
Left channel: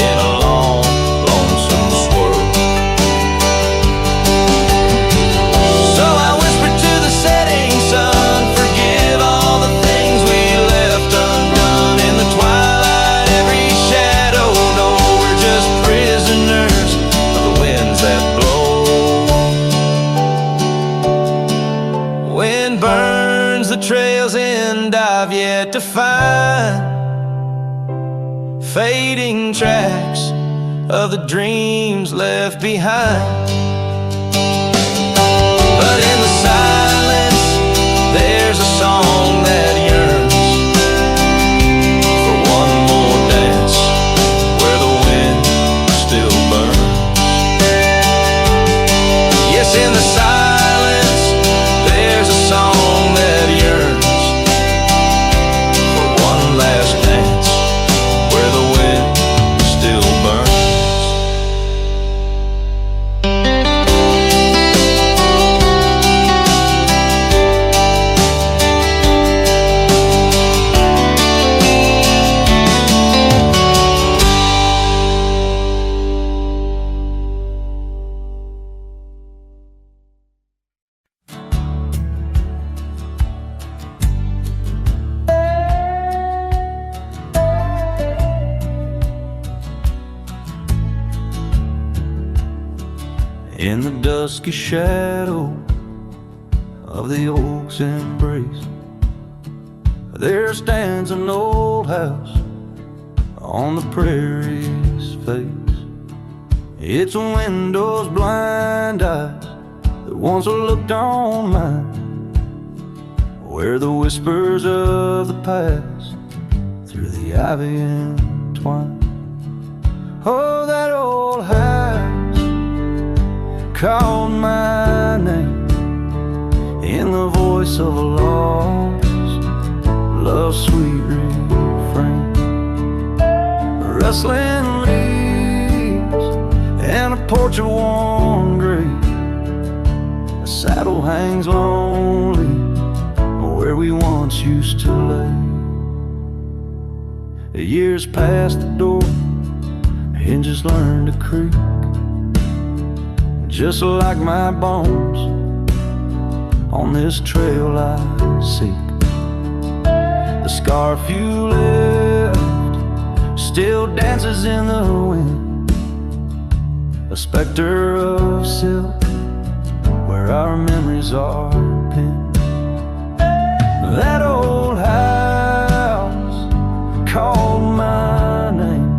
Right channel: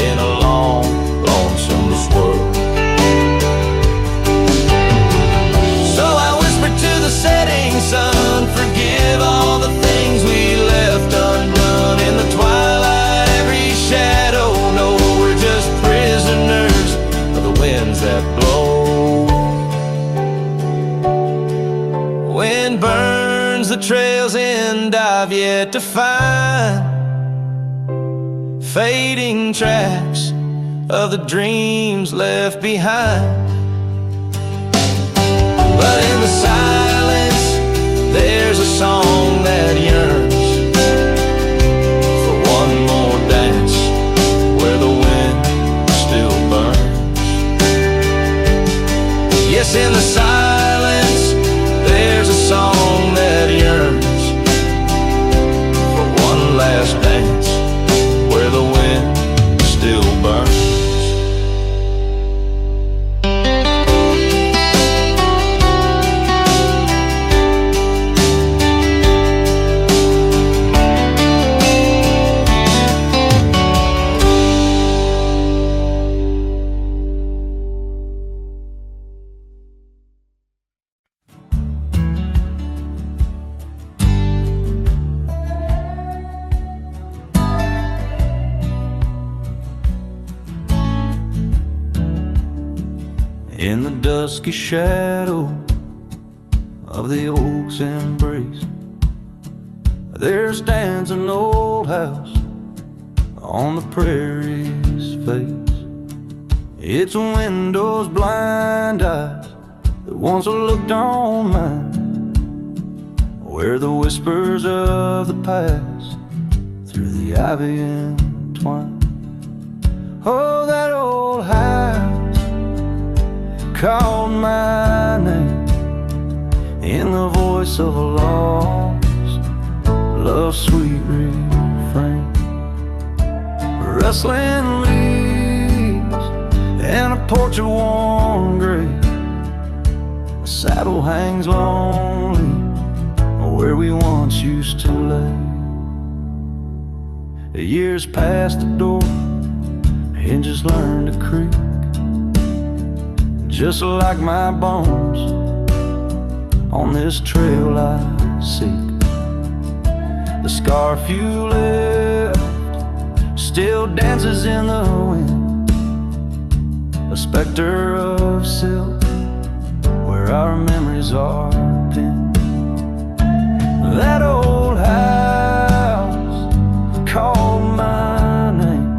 in a long, lonesome swirl. So I whisper to the setting sun, forgive all the things we left undone in the twilight. Every shadow, no, we're just prisoners of the winds that blow. Wind burns the trails and I've yet to find fading tracks of the dreams left behind. But in the silence there's a song that yearns for one more dance where the wind still burns. Yes, in the silence there's a song that yearns for one last dance where the wind still burns. In the dusky shadow of the oak's embrace, there stands an old house on the prairie's face. It's a window's blind eyes that once looked on mine, where the whispers of the past through the ivy entwine. Oh, that old house called my name in the voice of a lost love's sweet refrain. Rustling leaves and a porch of worn grape, a saddle hangs lonely where we once used to lay. The years past the door, hinges learn to creak, just like my bones on this trail I seek. The scarf you left still dances in the wind, a specter of silk where our memories are pinned. That old house called my name,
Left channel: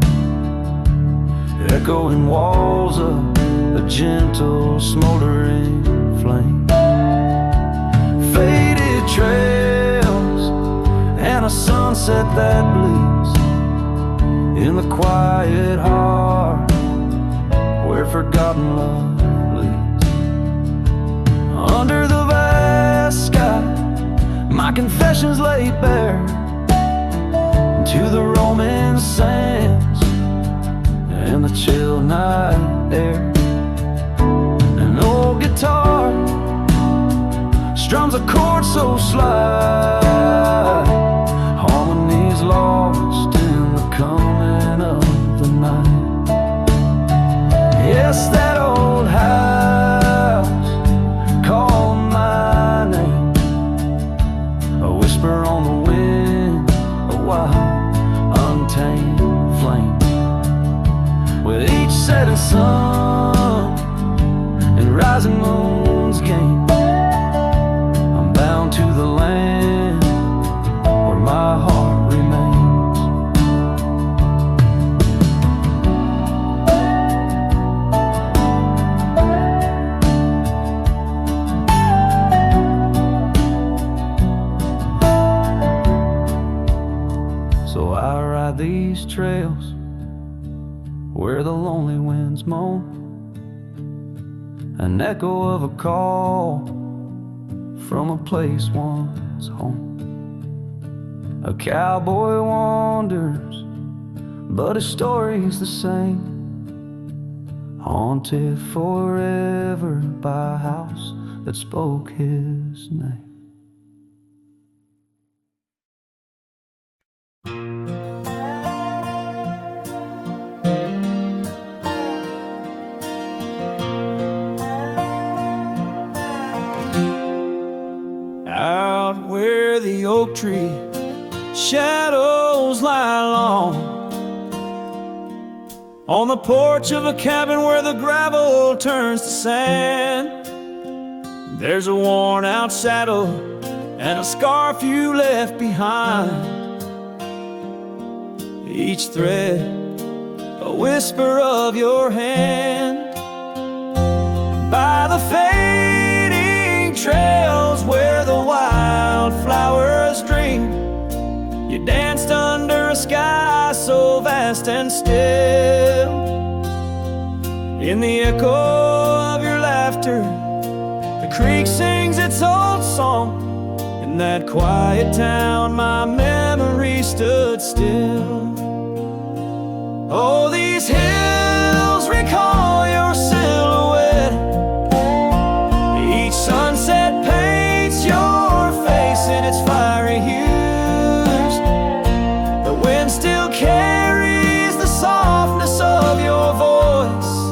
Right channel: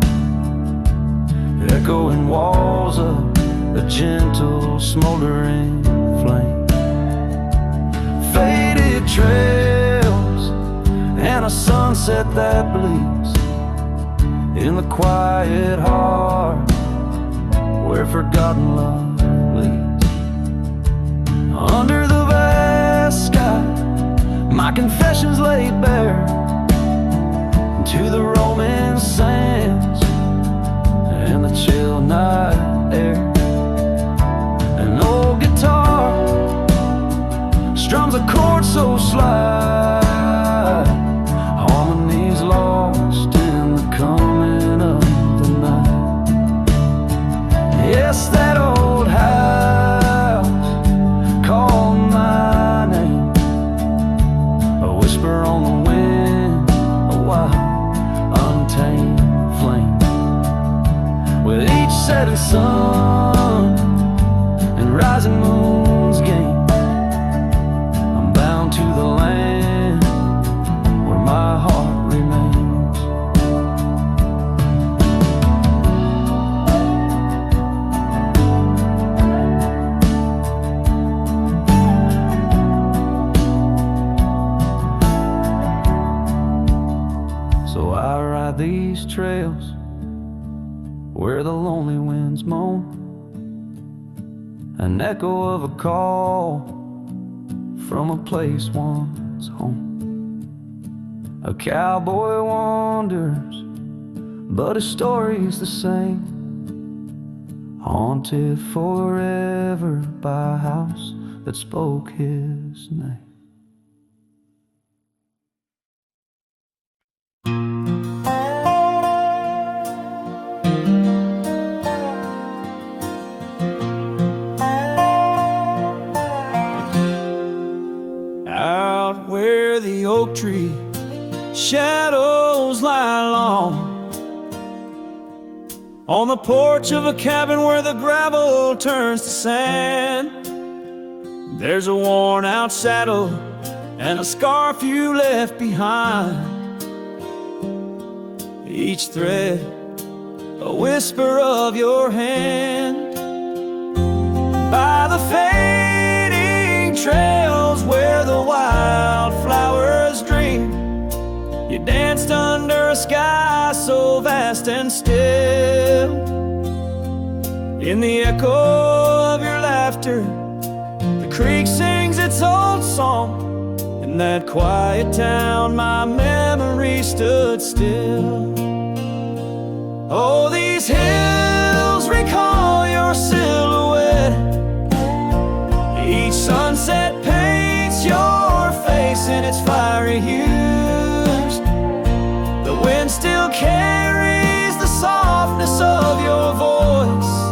echoing walls of a gentle smoldering flame. Faded trails and a sunset that bleeds in the quiet heart where forgotten love leads. Under the vast sky, my confessions laid bare to the roaming sands and the chill night air. An old guitar strums a chord so slight, harmonies lost in the coming of the night. Yes, that old house called my name, a whisper on the wind, a wild, untamed flame. With each setting sun and rising moon's game, I'm bound to the land where my heart remains. So I ride these trails where the lonely winds moan, an echo of a call from a place once home. A cowboy wanders, but his story's the same, haunted forever by a house that spoke his name. Out where the oak tree shadows lie long, on the porch of a cabin where the gravel turns to sand, there's a worn out saddle and a scarf you left behind, each thread a whisper of your hand. By the fading trails where the wildflowers dream, you danced under a sky so vast and still. In the echo of your laughter, the creek sings its old song. In that quiet town, my memory stood still. Oh, these hills recall your silhouette. Each sunset paints your face in its fiery hues. The wind still carries the softness of your voice.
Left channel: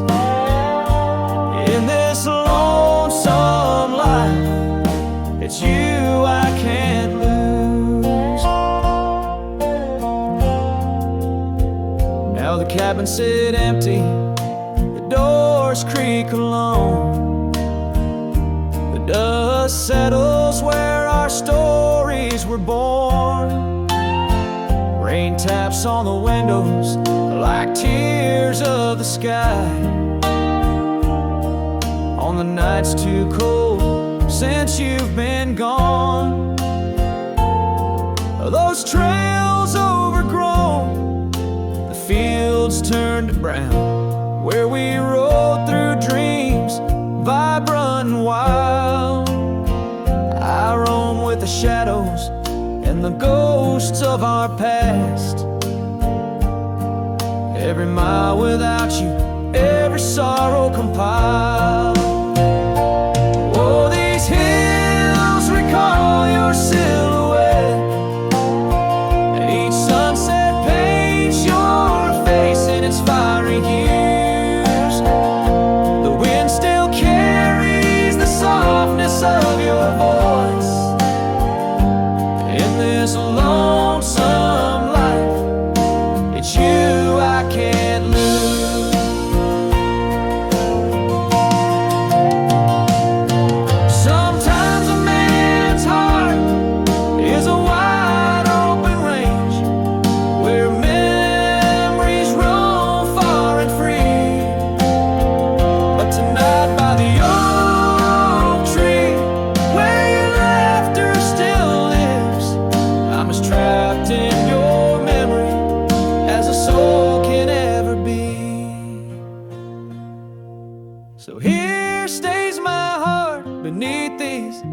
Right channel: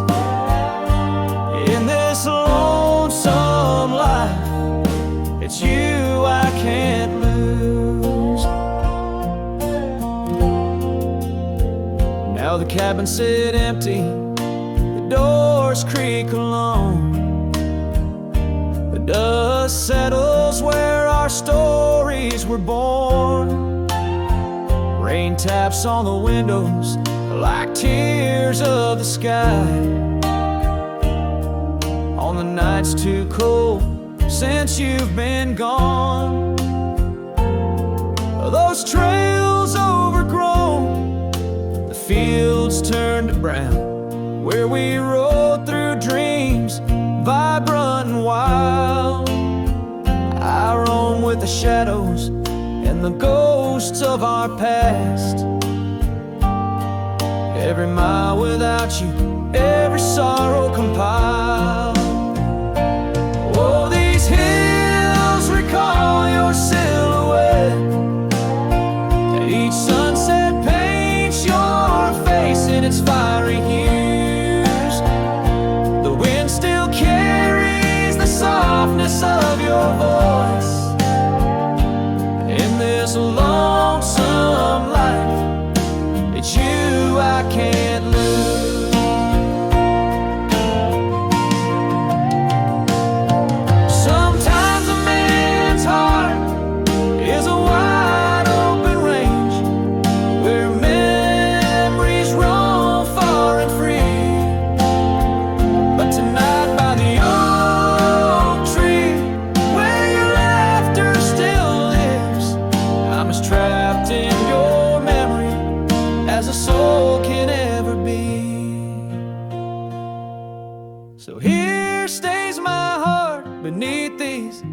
In this lonesome life, it's you I can't lose. Now the cabin sit empty, the doors creak alone. The dust settles where our stories were born. Rain taps on the windows like tears of the sky. the night's too cold since you've been gone. Those trails overgrown, the fields turned to brown, where we rode through dreams, vibrant and wild. I roam with the shadows and the ghosts of our past. Every mile without you, every sorrow compiled. Oh, these hills recall your silhouette, and each sunset paints your face in its fiery hues. The wind still carries the softness of your voice in this lonesome life. It's you I can't lose. Sometimes a man's heart is a wide open range where memories roam far and free. But tonight by the oak tree, where your laughter still lives, I'm as trapped in your memory as a soul can ever be. So here stays my heart beneath these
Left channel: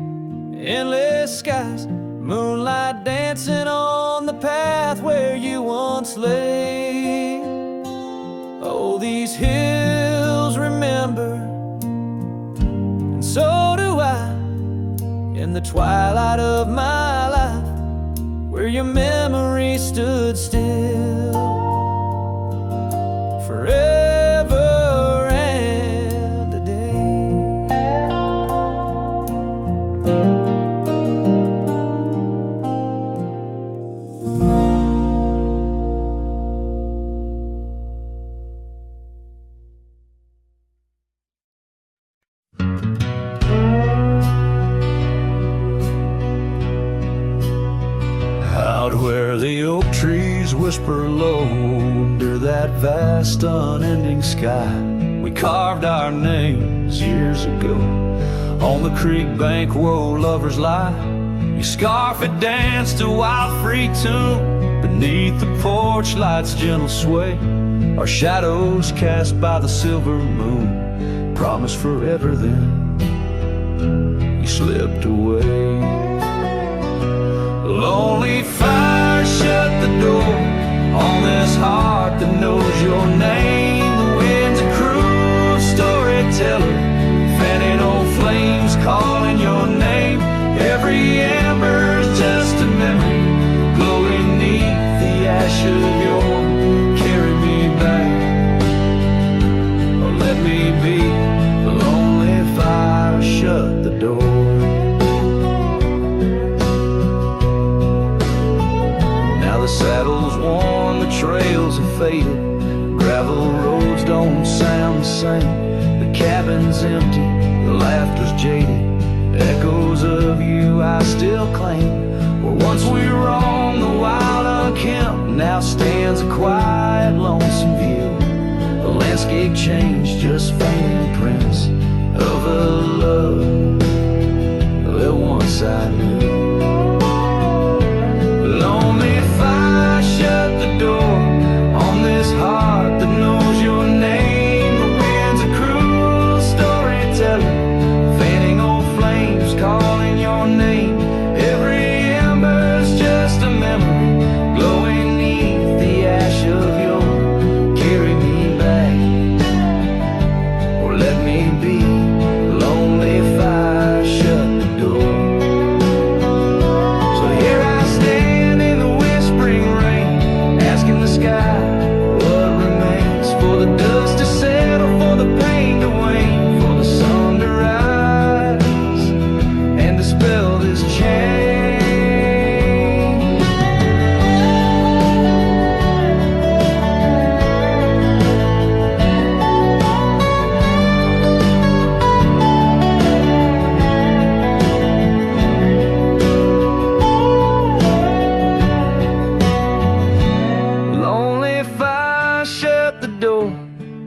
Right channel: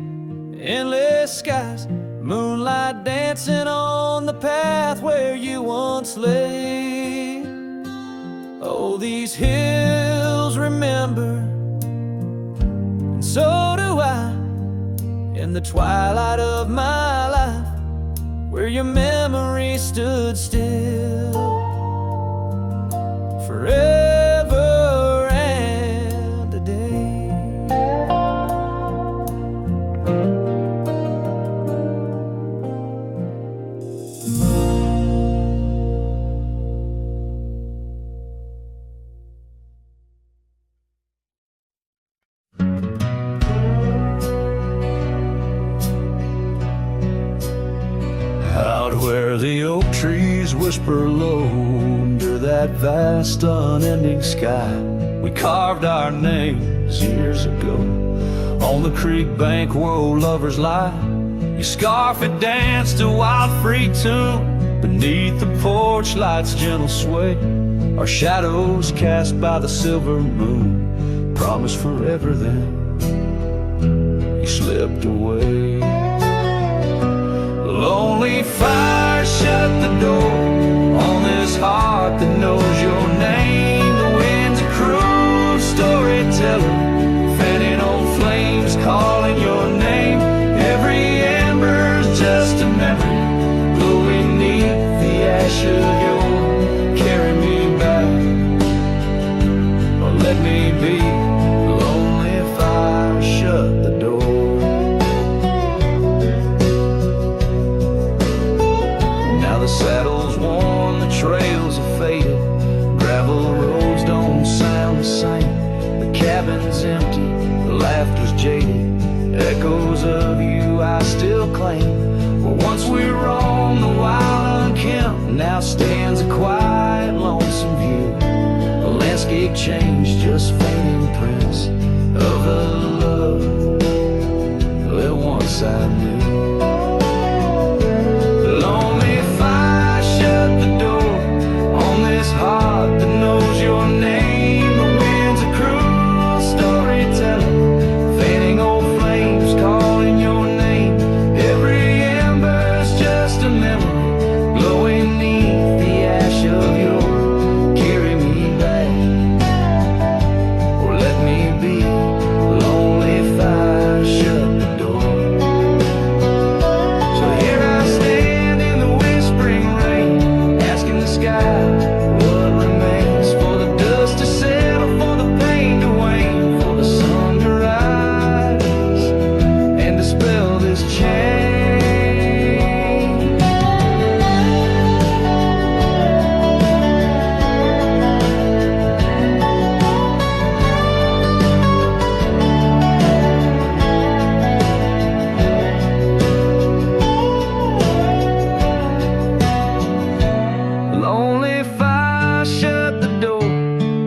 endless skies, moonlight dancing on the path where you once lay. Oh, these hills remember, and so do I, in the twilight of my life, where your memory stood still forever and a day. Out where the oak trees whisper low under that vast unending sky, we carved our names years ago on the creek bank where old lovers lie. Your scarf it danced a wild free tune beneath the porch light's gentle sway. Our shadows cast by the silver moon promised forever, then you slipped away. Lonely fire shut the door on this heart that knows your name. The wind's a cruel storyteller, fanning old flames calling your name. Every ember's just a memory glowing neath the ash of your carry me back, or let me be. Lonely fire shut the door. Now the saddle's worn, the trails have faded, gravel roads don't sound the same. The cabin's empty, the laughter's jaded, echoes of you I still claim. Where once we roamed the wild unkempt, now stands a quiet lonesome view. A landscape changed, just faint imprints of a love that once I knew. Lonely fire shut the door on this heart that knows your name. The wind's a cruel storyteller, fanning old flames calling your name. Every ember's just a memory glowing neath the ash of your carry me back, or let me be. Lonely fire shut the door. So here I stand in the whispering rain, asking the sky what remains, for the dust to settle, for the pain to wane, for the sun to rise and dispel this chain. Lonely fire shut the door,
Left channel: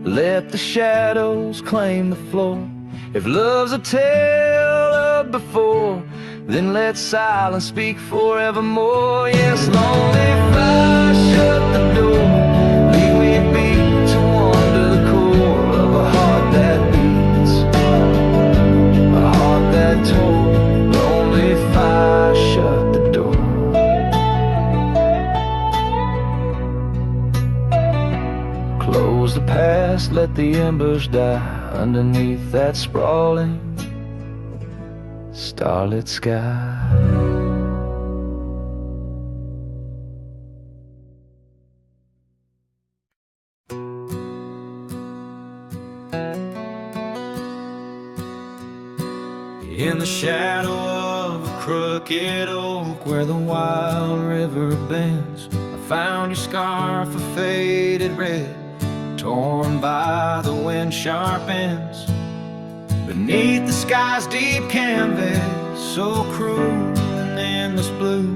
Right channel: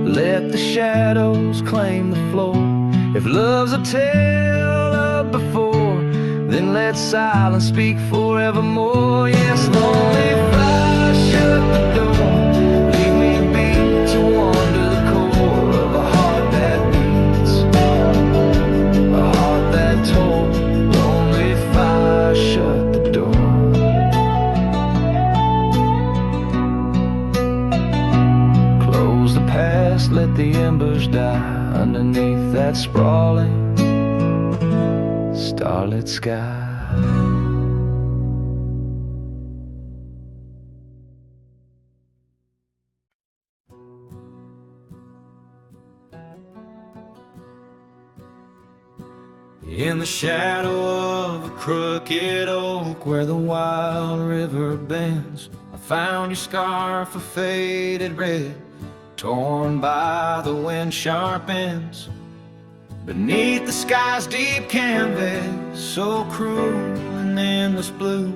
let the shadows claim the floor. If love's a tale of before, then let silence speak forevermore. Yes, lonely fire, shut the door. Leave me be to wander the core of a heart that beats, a heart that tore. Lonely fire, shut the door. Close the past, let the embers die underneath that sprawling starlit sky. In the shadow of a crooked oak where the wild river bends, I found your scarf of faded red, torn by the wind sharp ends. Beneath the sky's deep canvas, so cruel and endless blue,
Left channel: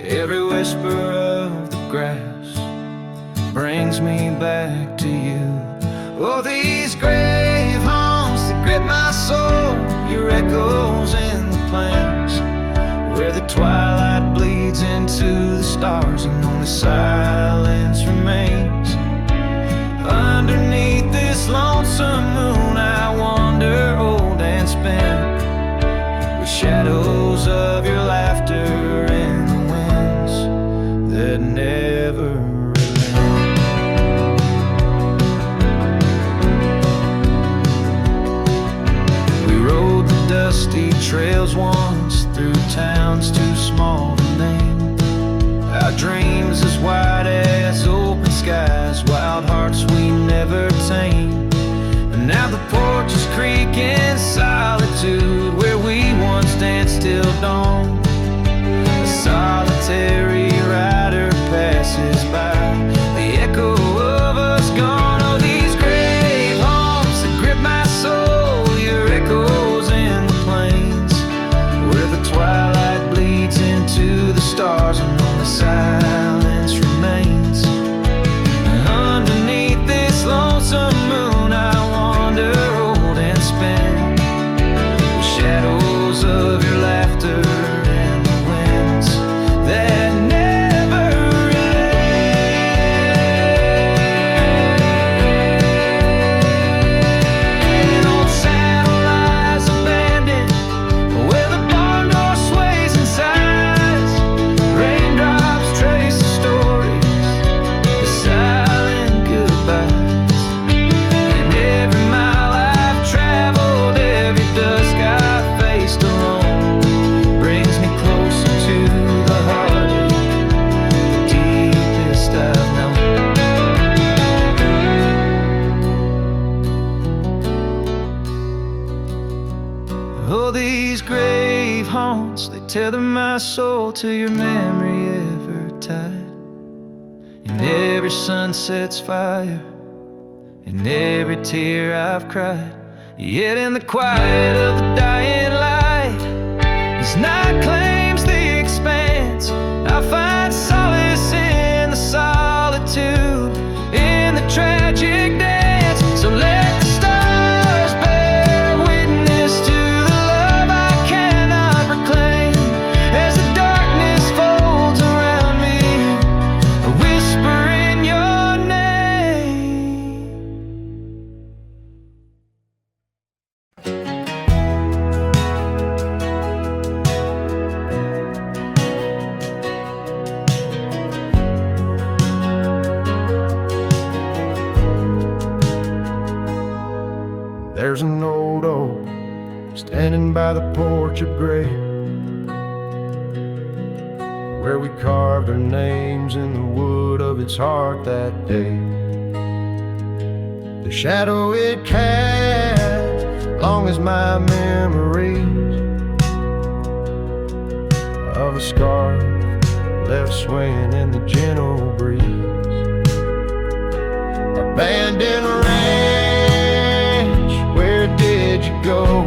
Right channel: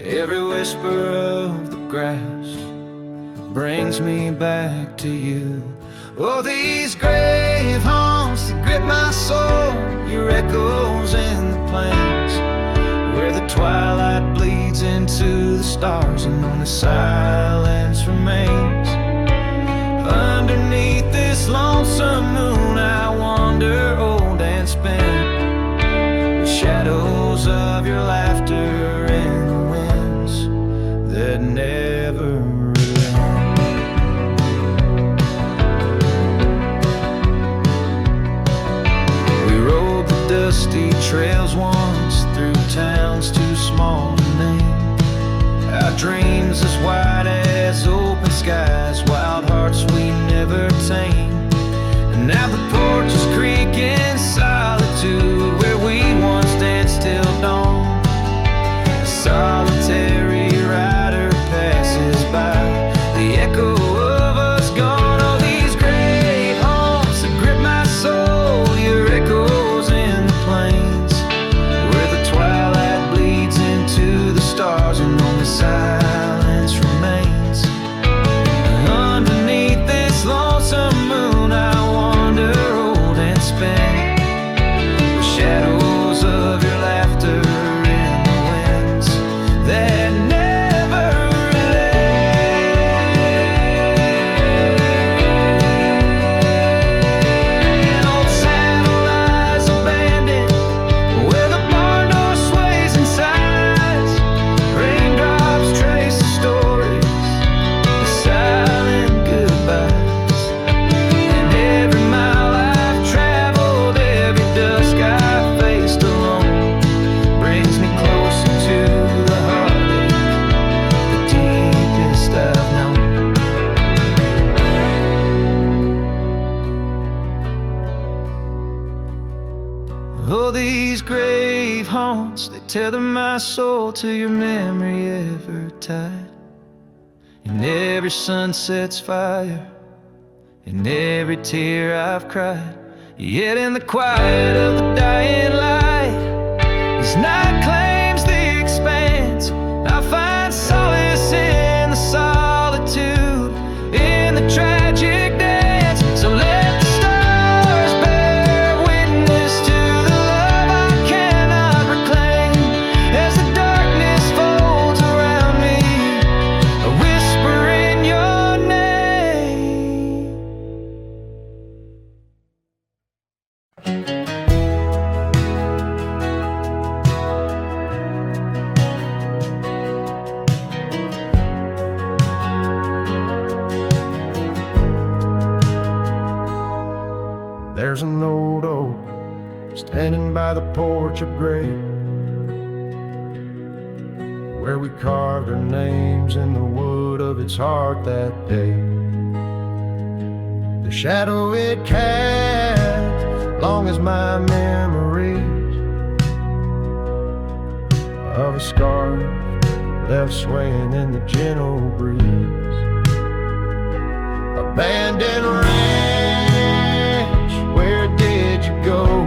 every whisper of the grass brings me back to you. Oh, these grave haunts that grip my soul, your echoes in the plains, where the twilight bleeds into the stars and only silence remains. Underneath this lonesome moon I wander old and spent, with shadows of your laughter in the winds that never relent. We rode the dusty trails once through towns too small to name, our dreams as wide as open skies, wild hearts we never tame. And now the porches creak in solitude, where we once danced till dawn. A solitary rider passes by, the echo of us gone. Oh, these grave haunts that grip my soul, your echoes in the plains, where the twilight bleeds into the stars and only silence remains. And underneath this lonesome moon I wander old and spent, with shadows of your laughter in the winds that never relent. Old saddle lies abandoned, where the barn door sways and sighs. Raindrops trace the stories, the silent goodbyes. And every mile I've traveled, every dusk I faced alone, brings me closer to the heartache, the deepest I've known. Oh, these grave haunts, they tether my soul to your memory ever tied. In every sunset's fire, in every tear I've cried. Yet in the quiet of the dying light, as night claims the expanse, I find solace in the solitude, in the tragic dance. So let the stars bear witness to the love I cannot reclaim, as the darkness folds around me, a whisper in your name. There's an old oak standing by the porch of gray, where we carved our names in the wood of its heart that day. The shadow it cast, long as my memories of a scarf left swaying in the gentle breeze. Abandoned ranch, where did you go?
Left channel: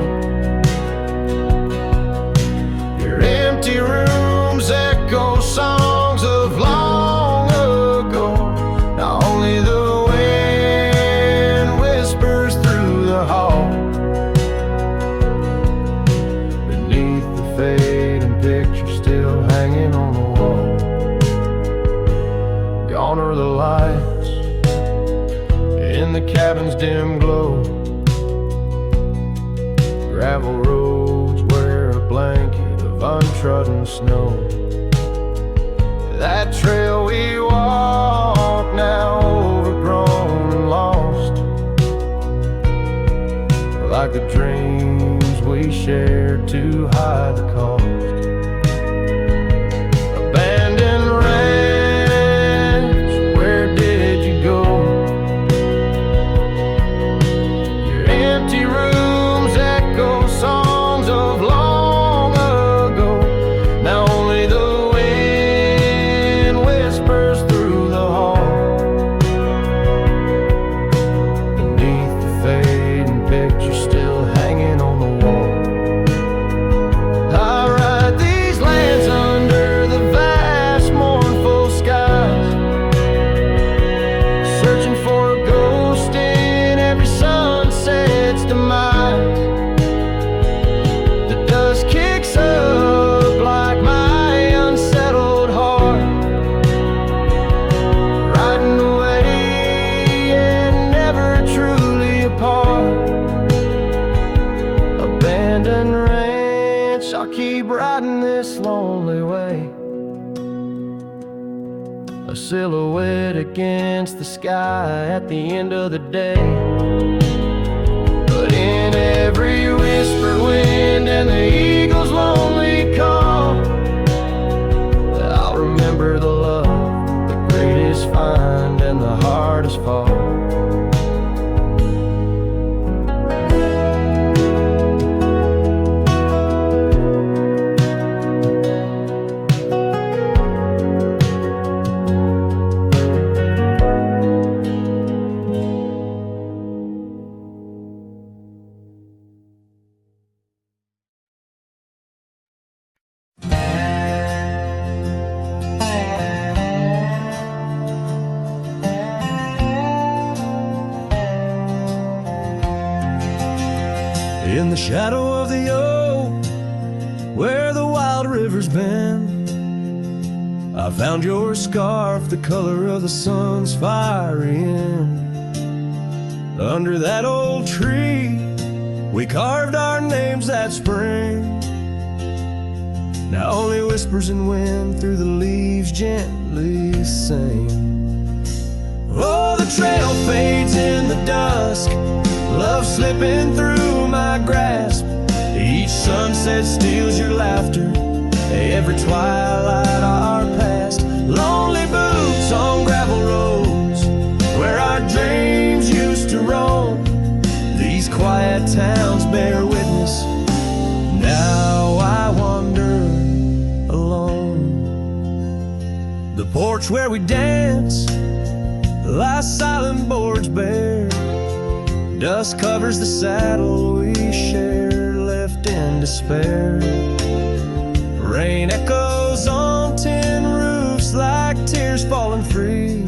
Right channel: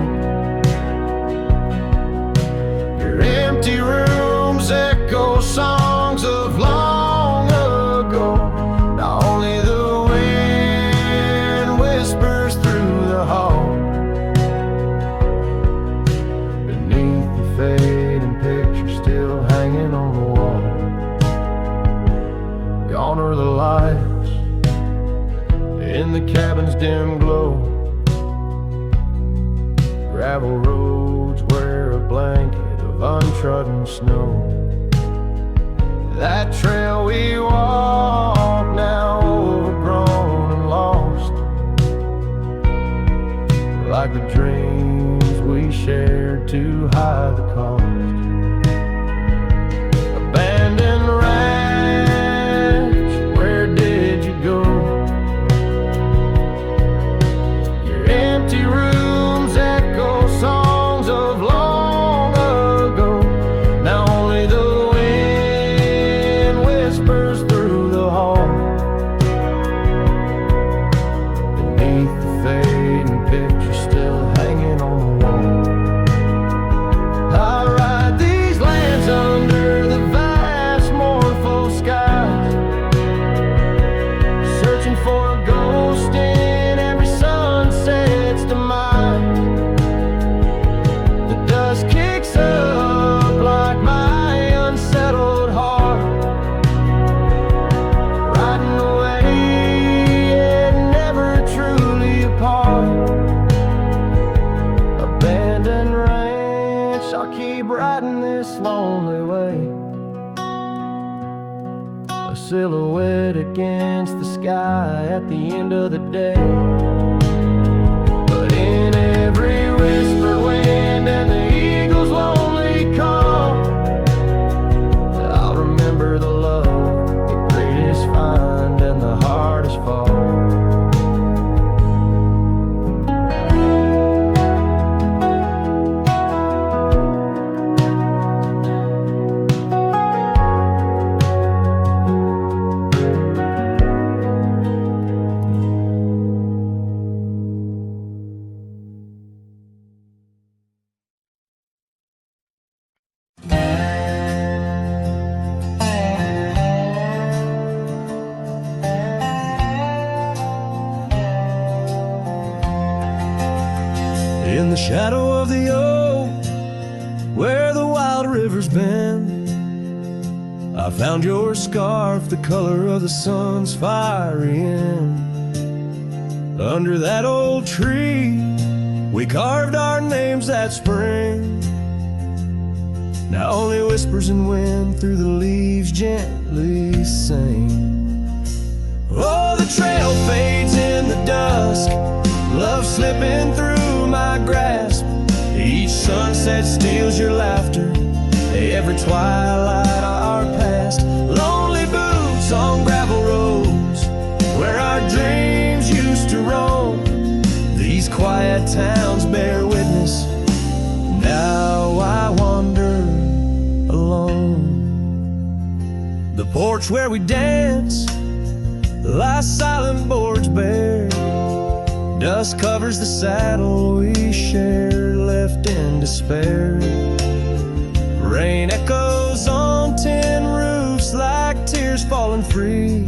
Your empty rooms echo songs of long ago. Now only the wind whispers through the hall, in the cabin's dim glow. Gravel roads wear a blanket of untrodden snow. That trail we walk, now overgrown and lost, like the dreams we shared to hide the cost. Abandoned ranch, where did you go? Your empty rooms echo songs of long ago. Now only the wind whispers through the hall. Beneath the fading picture still hanging on the wall. I ride these lands under the vast mournful skies, searching for a ghost in every sunset's demise. The dust kicks up like my unsettled heart, riding away and never truly apart. Abandoned ranch, I'll keep riding this lonely way, a silhouette against the sky at the end of the day. But in every whispered wind and the eagle's lonely call, I'll remember the love, the greatest find and the hardest fall. In the shadow of the oak, where the wild river's bend, I found your scarf, the color of the sun's fiery end. Under that old tree, we carved our names that spring. Now only whispers and wind through the leaves gently sing. Oh, the trail fades in the dusk, love slipping through my grasp. Each sunset steals your laughter, every twilight our past. Lonely boots on gravel roads, where our dreams used to roam. These quiet towns bear witness, now I wander alone. The porch where we dance lies silent, boards bare. Dust covers the saddle we shared, left in despair. Rain echoes on tin roofs like tears falling free.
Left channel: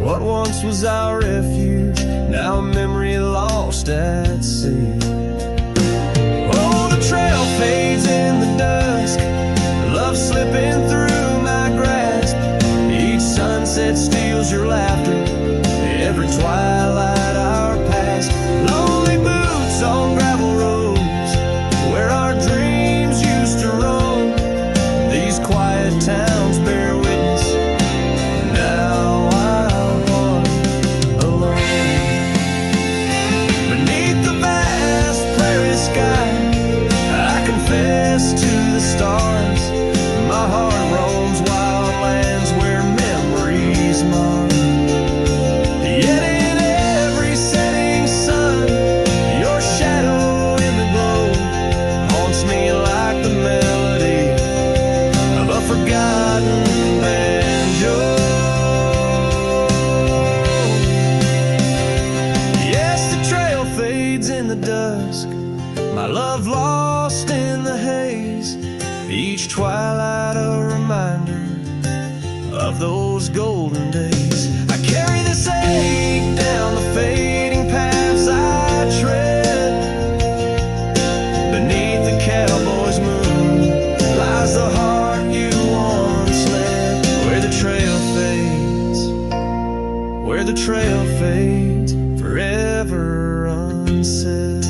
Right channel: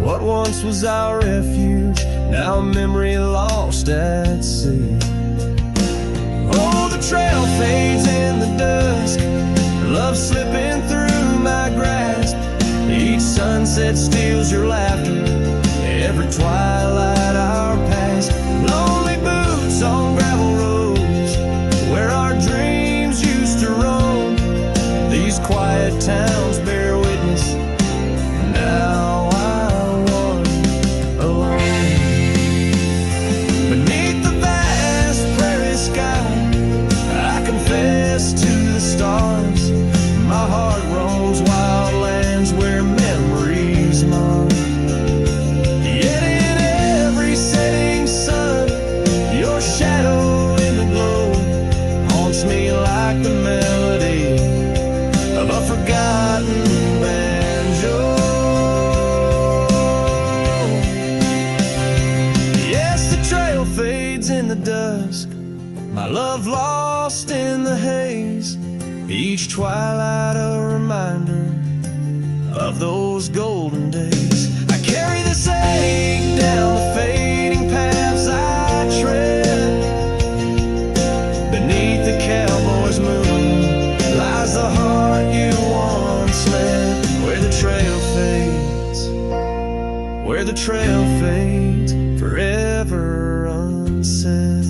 What once was our refuge, now a memory lost at sea. Oh, the trail fades in the dusk, love slipping through my grasp. Each sunset steals your laughter, every twilight our past. Lonely boots on gravel roads, where our dreams used to roam. These quiet towns bear witness, now I wander alone. Beneath the vast prairie sky, I confess to the stars, my heart roams wild lands where memories mar. Yet in every setting sun, your shadow in the glow haunts me like the melody of a forgotten banjo. Yes, the trail fades in the dusk, my love lost in the haze. Each twilight a reminder of those golden days. I carry this ache down the fading paths I tread. Beneath the cowboy's moon lies the heart you once led. Where the trail fades, where the trail fades forever unsaid.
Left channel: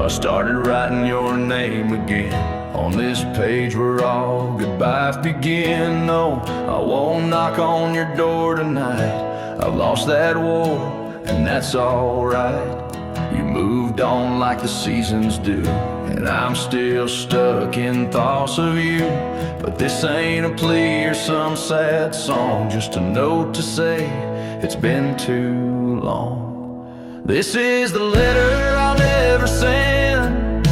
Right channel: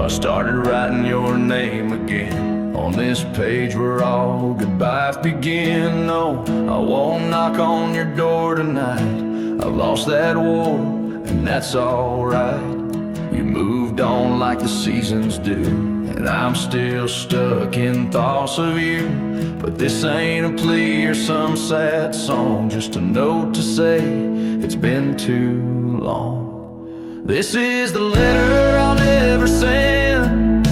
I started writing your name again on this page where all goodbyes begin. No, I won't knock on your door tonight. I've lost that war, and that's alright. You moved on like the seasons do, and I'm still stuck in thoughts of you. But this ain't a plea or some sad song, just a note to say it's been too long. This is the letter I'll never send,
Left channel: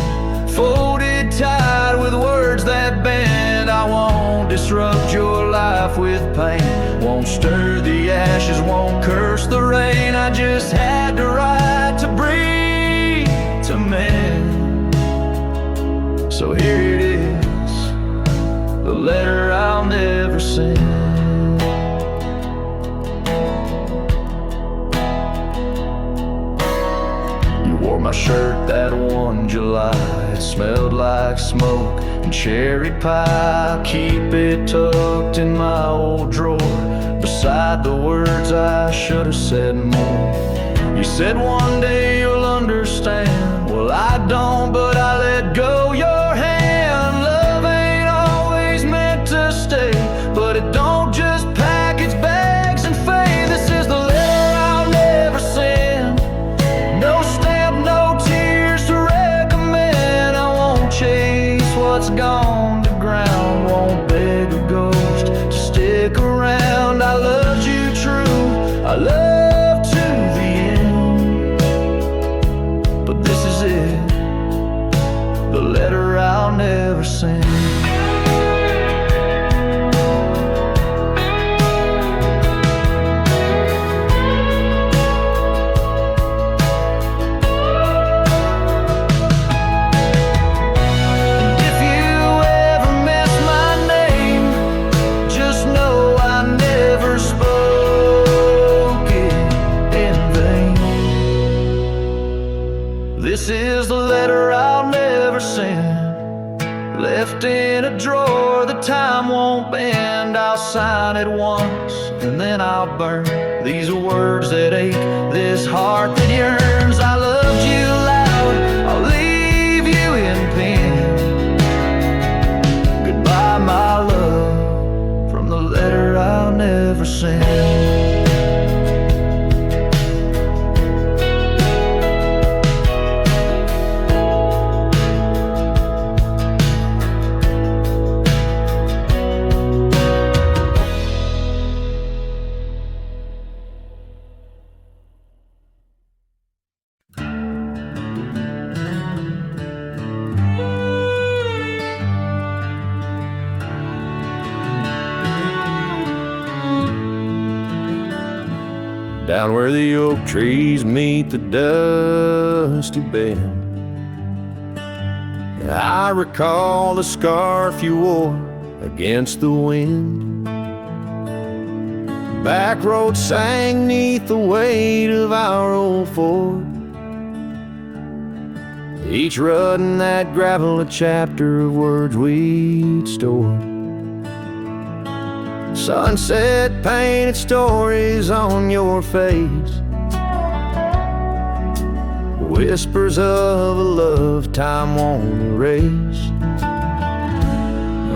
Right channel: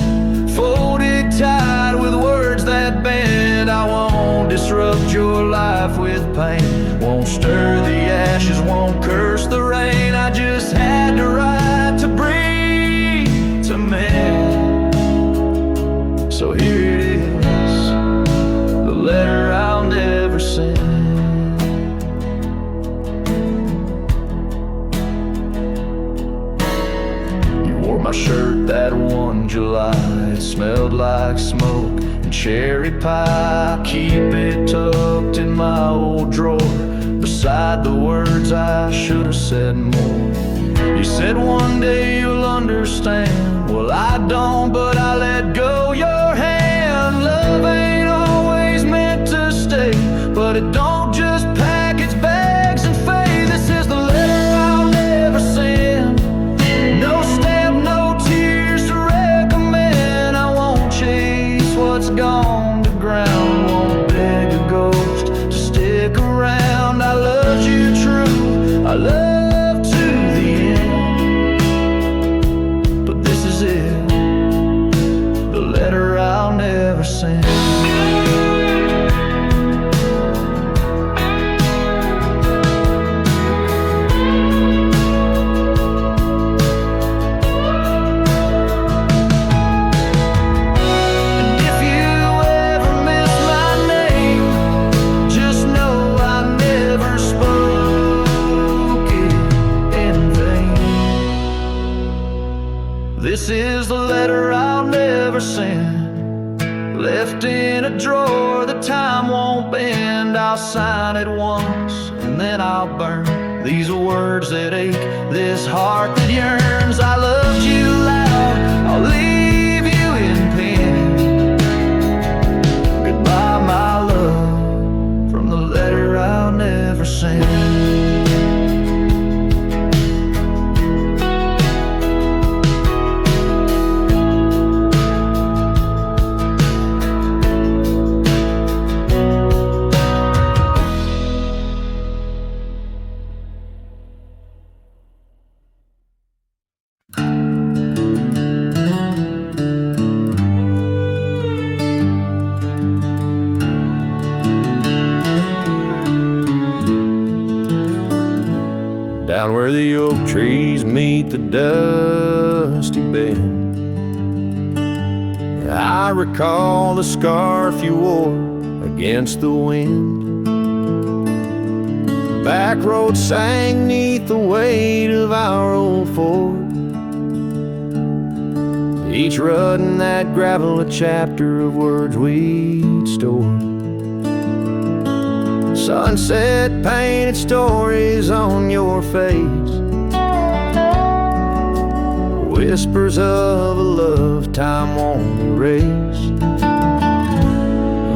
folded tight with words that bend. I won't disrupt your life with pain, won't stir the ashes, won't curse the rain. I just had to write to breathe, to mend. So here it is, the letter I'll never send. Wore my shirt that one July. It smelled like smoke and cherry pie. Keep it tucked in my old drawer, beside the words I should have said more. You said one day you'll understand. Well, I don't, but I let go your hand. Love ain't always meant to stay, but it don't just pack its bags and fade. This is the letter I'll never send. No stamp, no tears to recommend. I won't chase what's gone to ground, won't beg a ghost to stick around. I loved you true, I loved to the end. But this is it, the letter I'll never send. This is the letter I'll never send, left in a drawer that time won't bend. I'll sign it once and then I'll burn these words that ache, this heart that yearns. I loved you loud, I'll leave you in pen. Goodbye, my love, from the letter I'll never send. Down where the oak trees meet the dusty bend, I recall the scarf you wore against the wind. Back road sang 'neath the weight of our old Ford, each rut in that gravel a chapter of words we'd stored. Sunset painted stories on your face, whispers of a love time won't erase.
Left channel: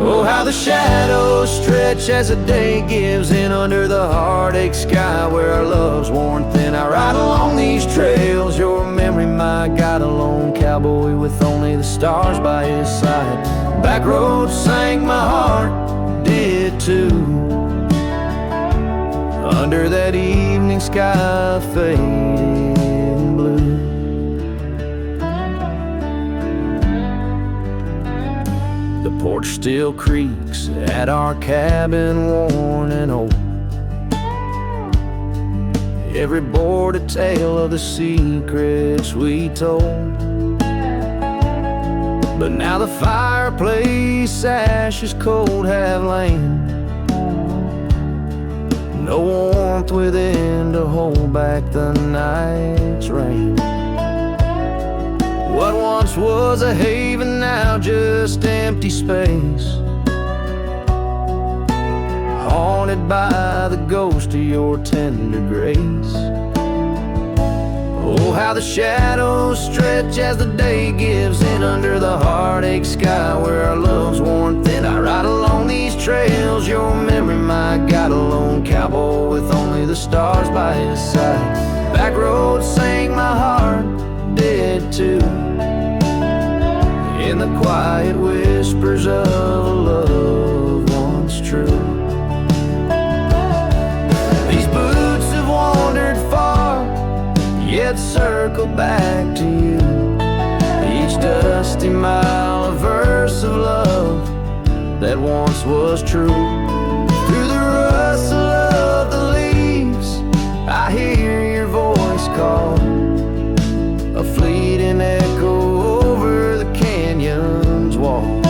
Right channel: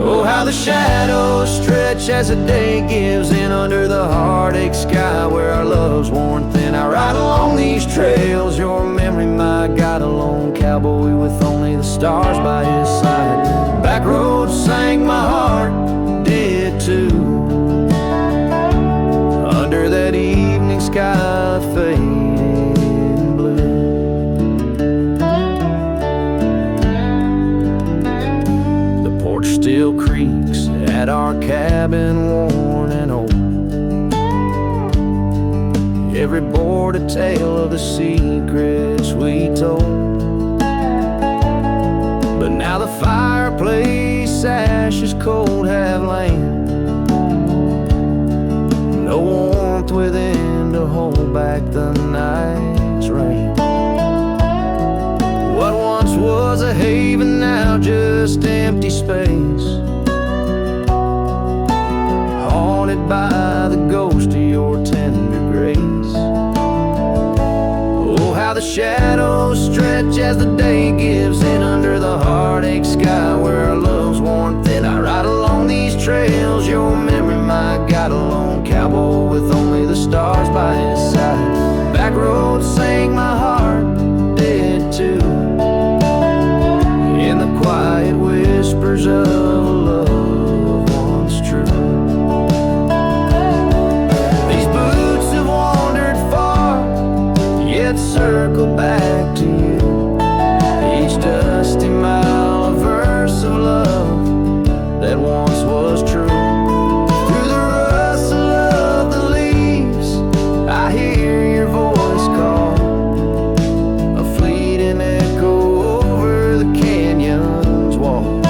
Oh, how the shadows stretch as the day gives in under the heartache sky where our love's worn thin. I ride along these trails, your memory my guide, a lone cowboy with only the stars by his side. Back roads sang my heart, did too, under that evening sky fading blue. The porch still creaks at our cabin, worn and old, every board a tale of the secrets we told. but now the fireplace ashes cold have lain. No warmth within to hold back the night's rain. What once was a haven, now just empty space, haunted by the ghost of your tender grace. Oh, how the shadows stretch as the day gives in under the heartache sky where our love's worn thin. I ride along these trails, your memory, my God, a lone cowboy with only the stars by his side. Back roads sang my heart dead too, in the quiet whispers of a love once true. These boots have wandered far, yet circle back to you. Each dusty mile a verse of love that once was true. Through the rustle of the leaves I hear your voice call, a fleeting echo over the canyon's wall.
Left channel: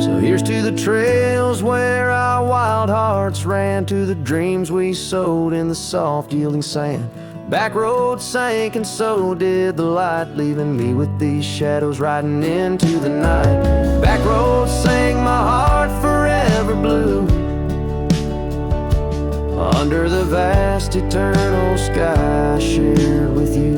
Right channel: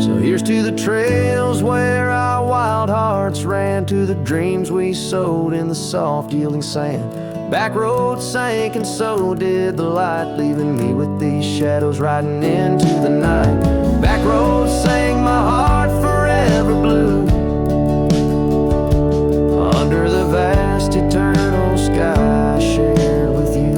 So here's to the trails where our wild hearts ran, to the dreams we sowed in the soft yielding sand. Back roads sank and so did the light, leaving me with these shadows riding into the night. Back roads sang my heart forever blue, under the vast eternal sky I shared with you.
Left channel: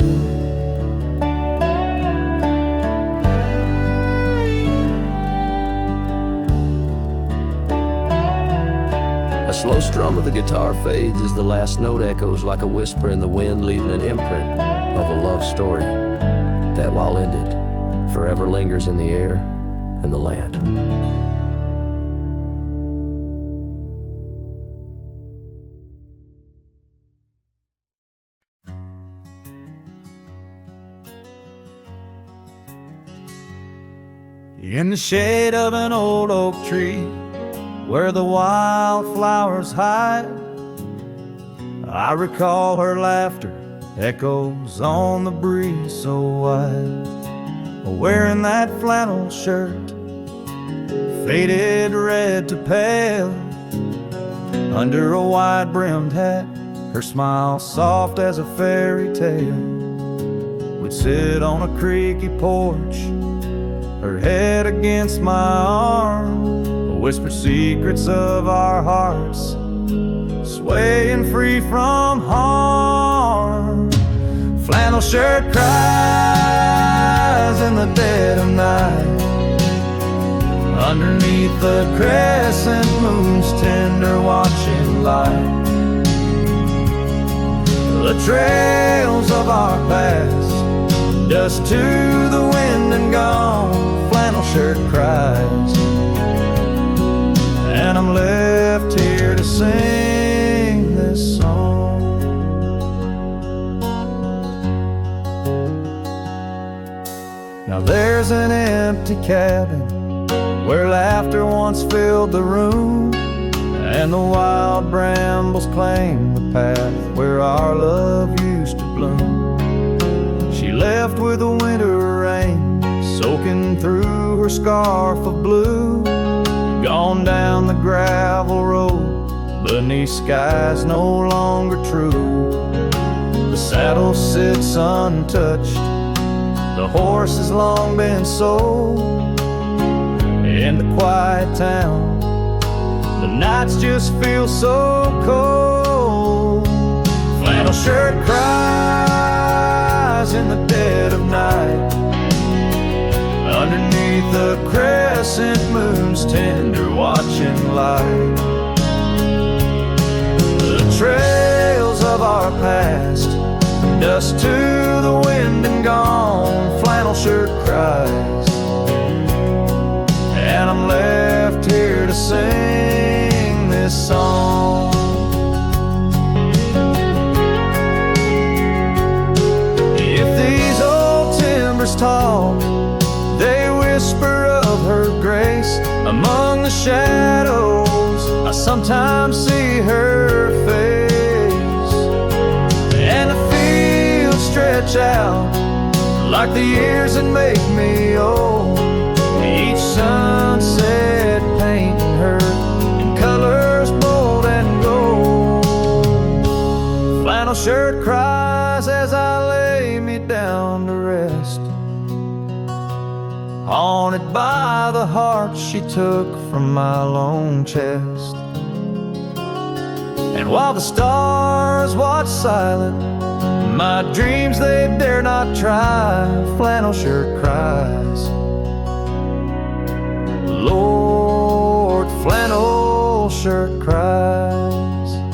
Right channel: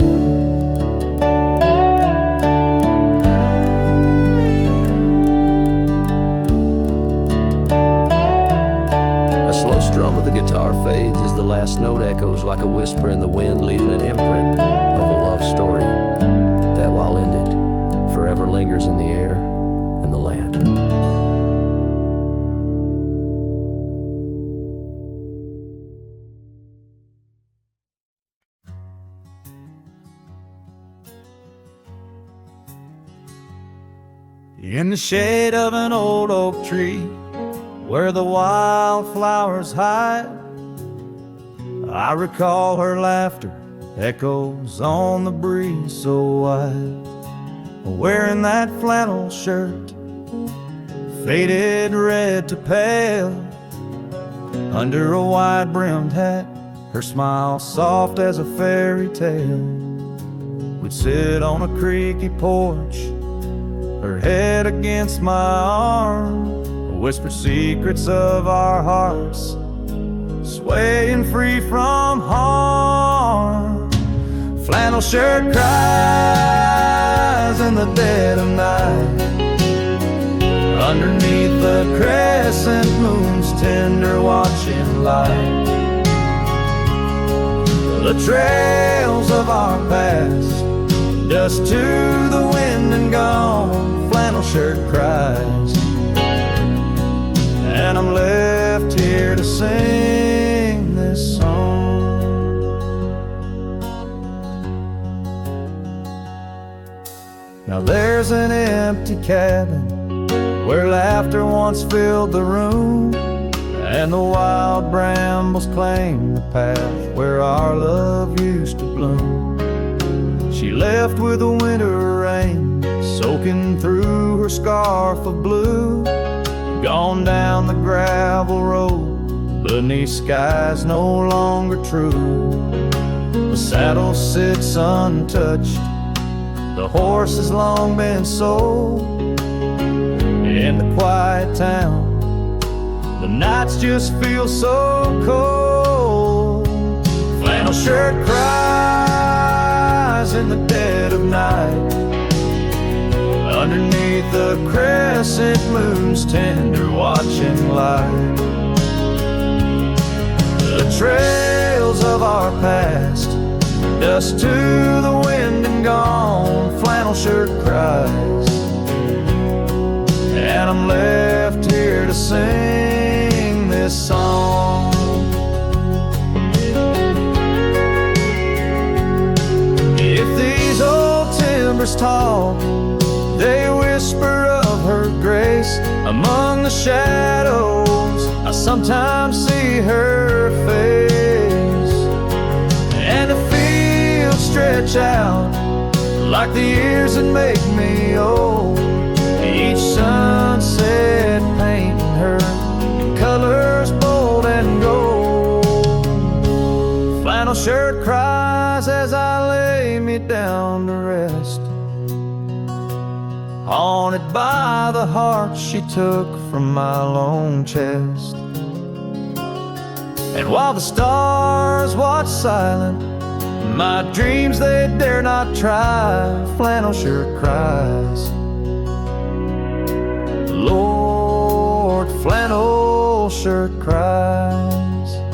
A slow strum of the guitar fades as the last note echoes like a whisper in the wind, leaving an imprint of a love story that, while ended, forever lingers in the air and the land. In the shade of an old oak tree, where the wildflowers hide, I recall her laughter echoes on the breeze so wide. Wearing that flannel shirt, faded red to pale, under a wide-brimmed hat, her smile soft as a fairy tale. We'd sit on a creaky porch, her head against my arm, whisper secrets of our hearts, swaying free from harm. Flannel shirt cries in the dead of night, underneath the crescent moon's tender watching light. The trails of our past, dust to the wind and gone. Flannel shirt cries, and I'm left here to sing this song. Now there's an empty cabin where laughter once filled the room, and the wild brambles claim the path where our love used to bloom. She left with the winter rain soaking through her scarf of blue, gone down the gravel road beneath skies no longer true. The saddle sits untouched, the horse has long been sold. In the quiet town, the nights just feel so cold. Flannel shirt cries in the dead of night, underneath the crescent moon's tender watching light. The trails of our past, dust to the wind and gone. Flannel shirt cries, and I'm left here to sing this song. If these old timbers talk, they whisper of her grace. Among the shadows, I sometimes see her face, and the fields stretch out like the years that make me old. Each sunset painting her in colors bold and gold. Flannel shirt cries as I lay me down to rest, haunted by the heart she took from my lone chest. And while the stars watch silent, my dreams they dare not try, flannel shirt cries, Lord, flannel shirt cries.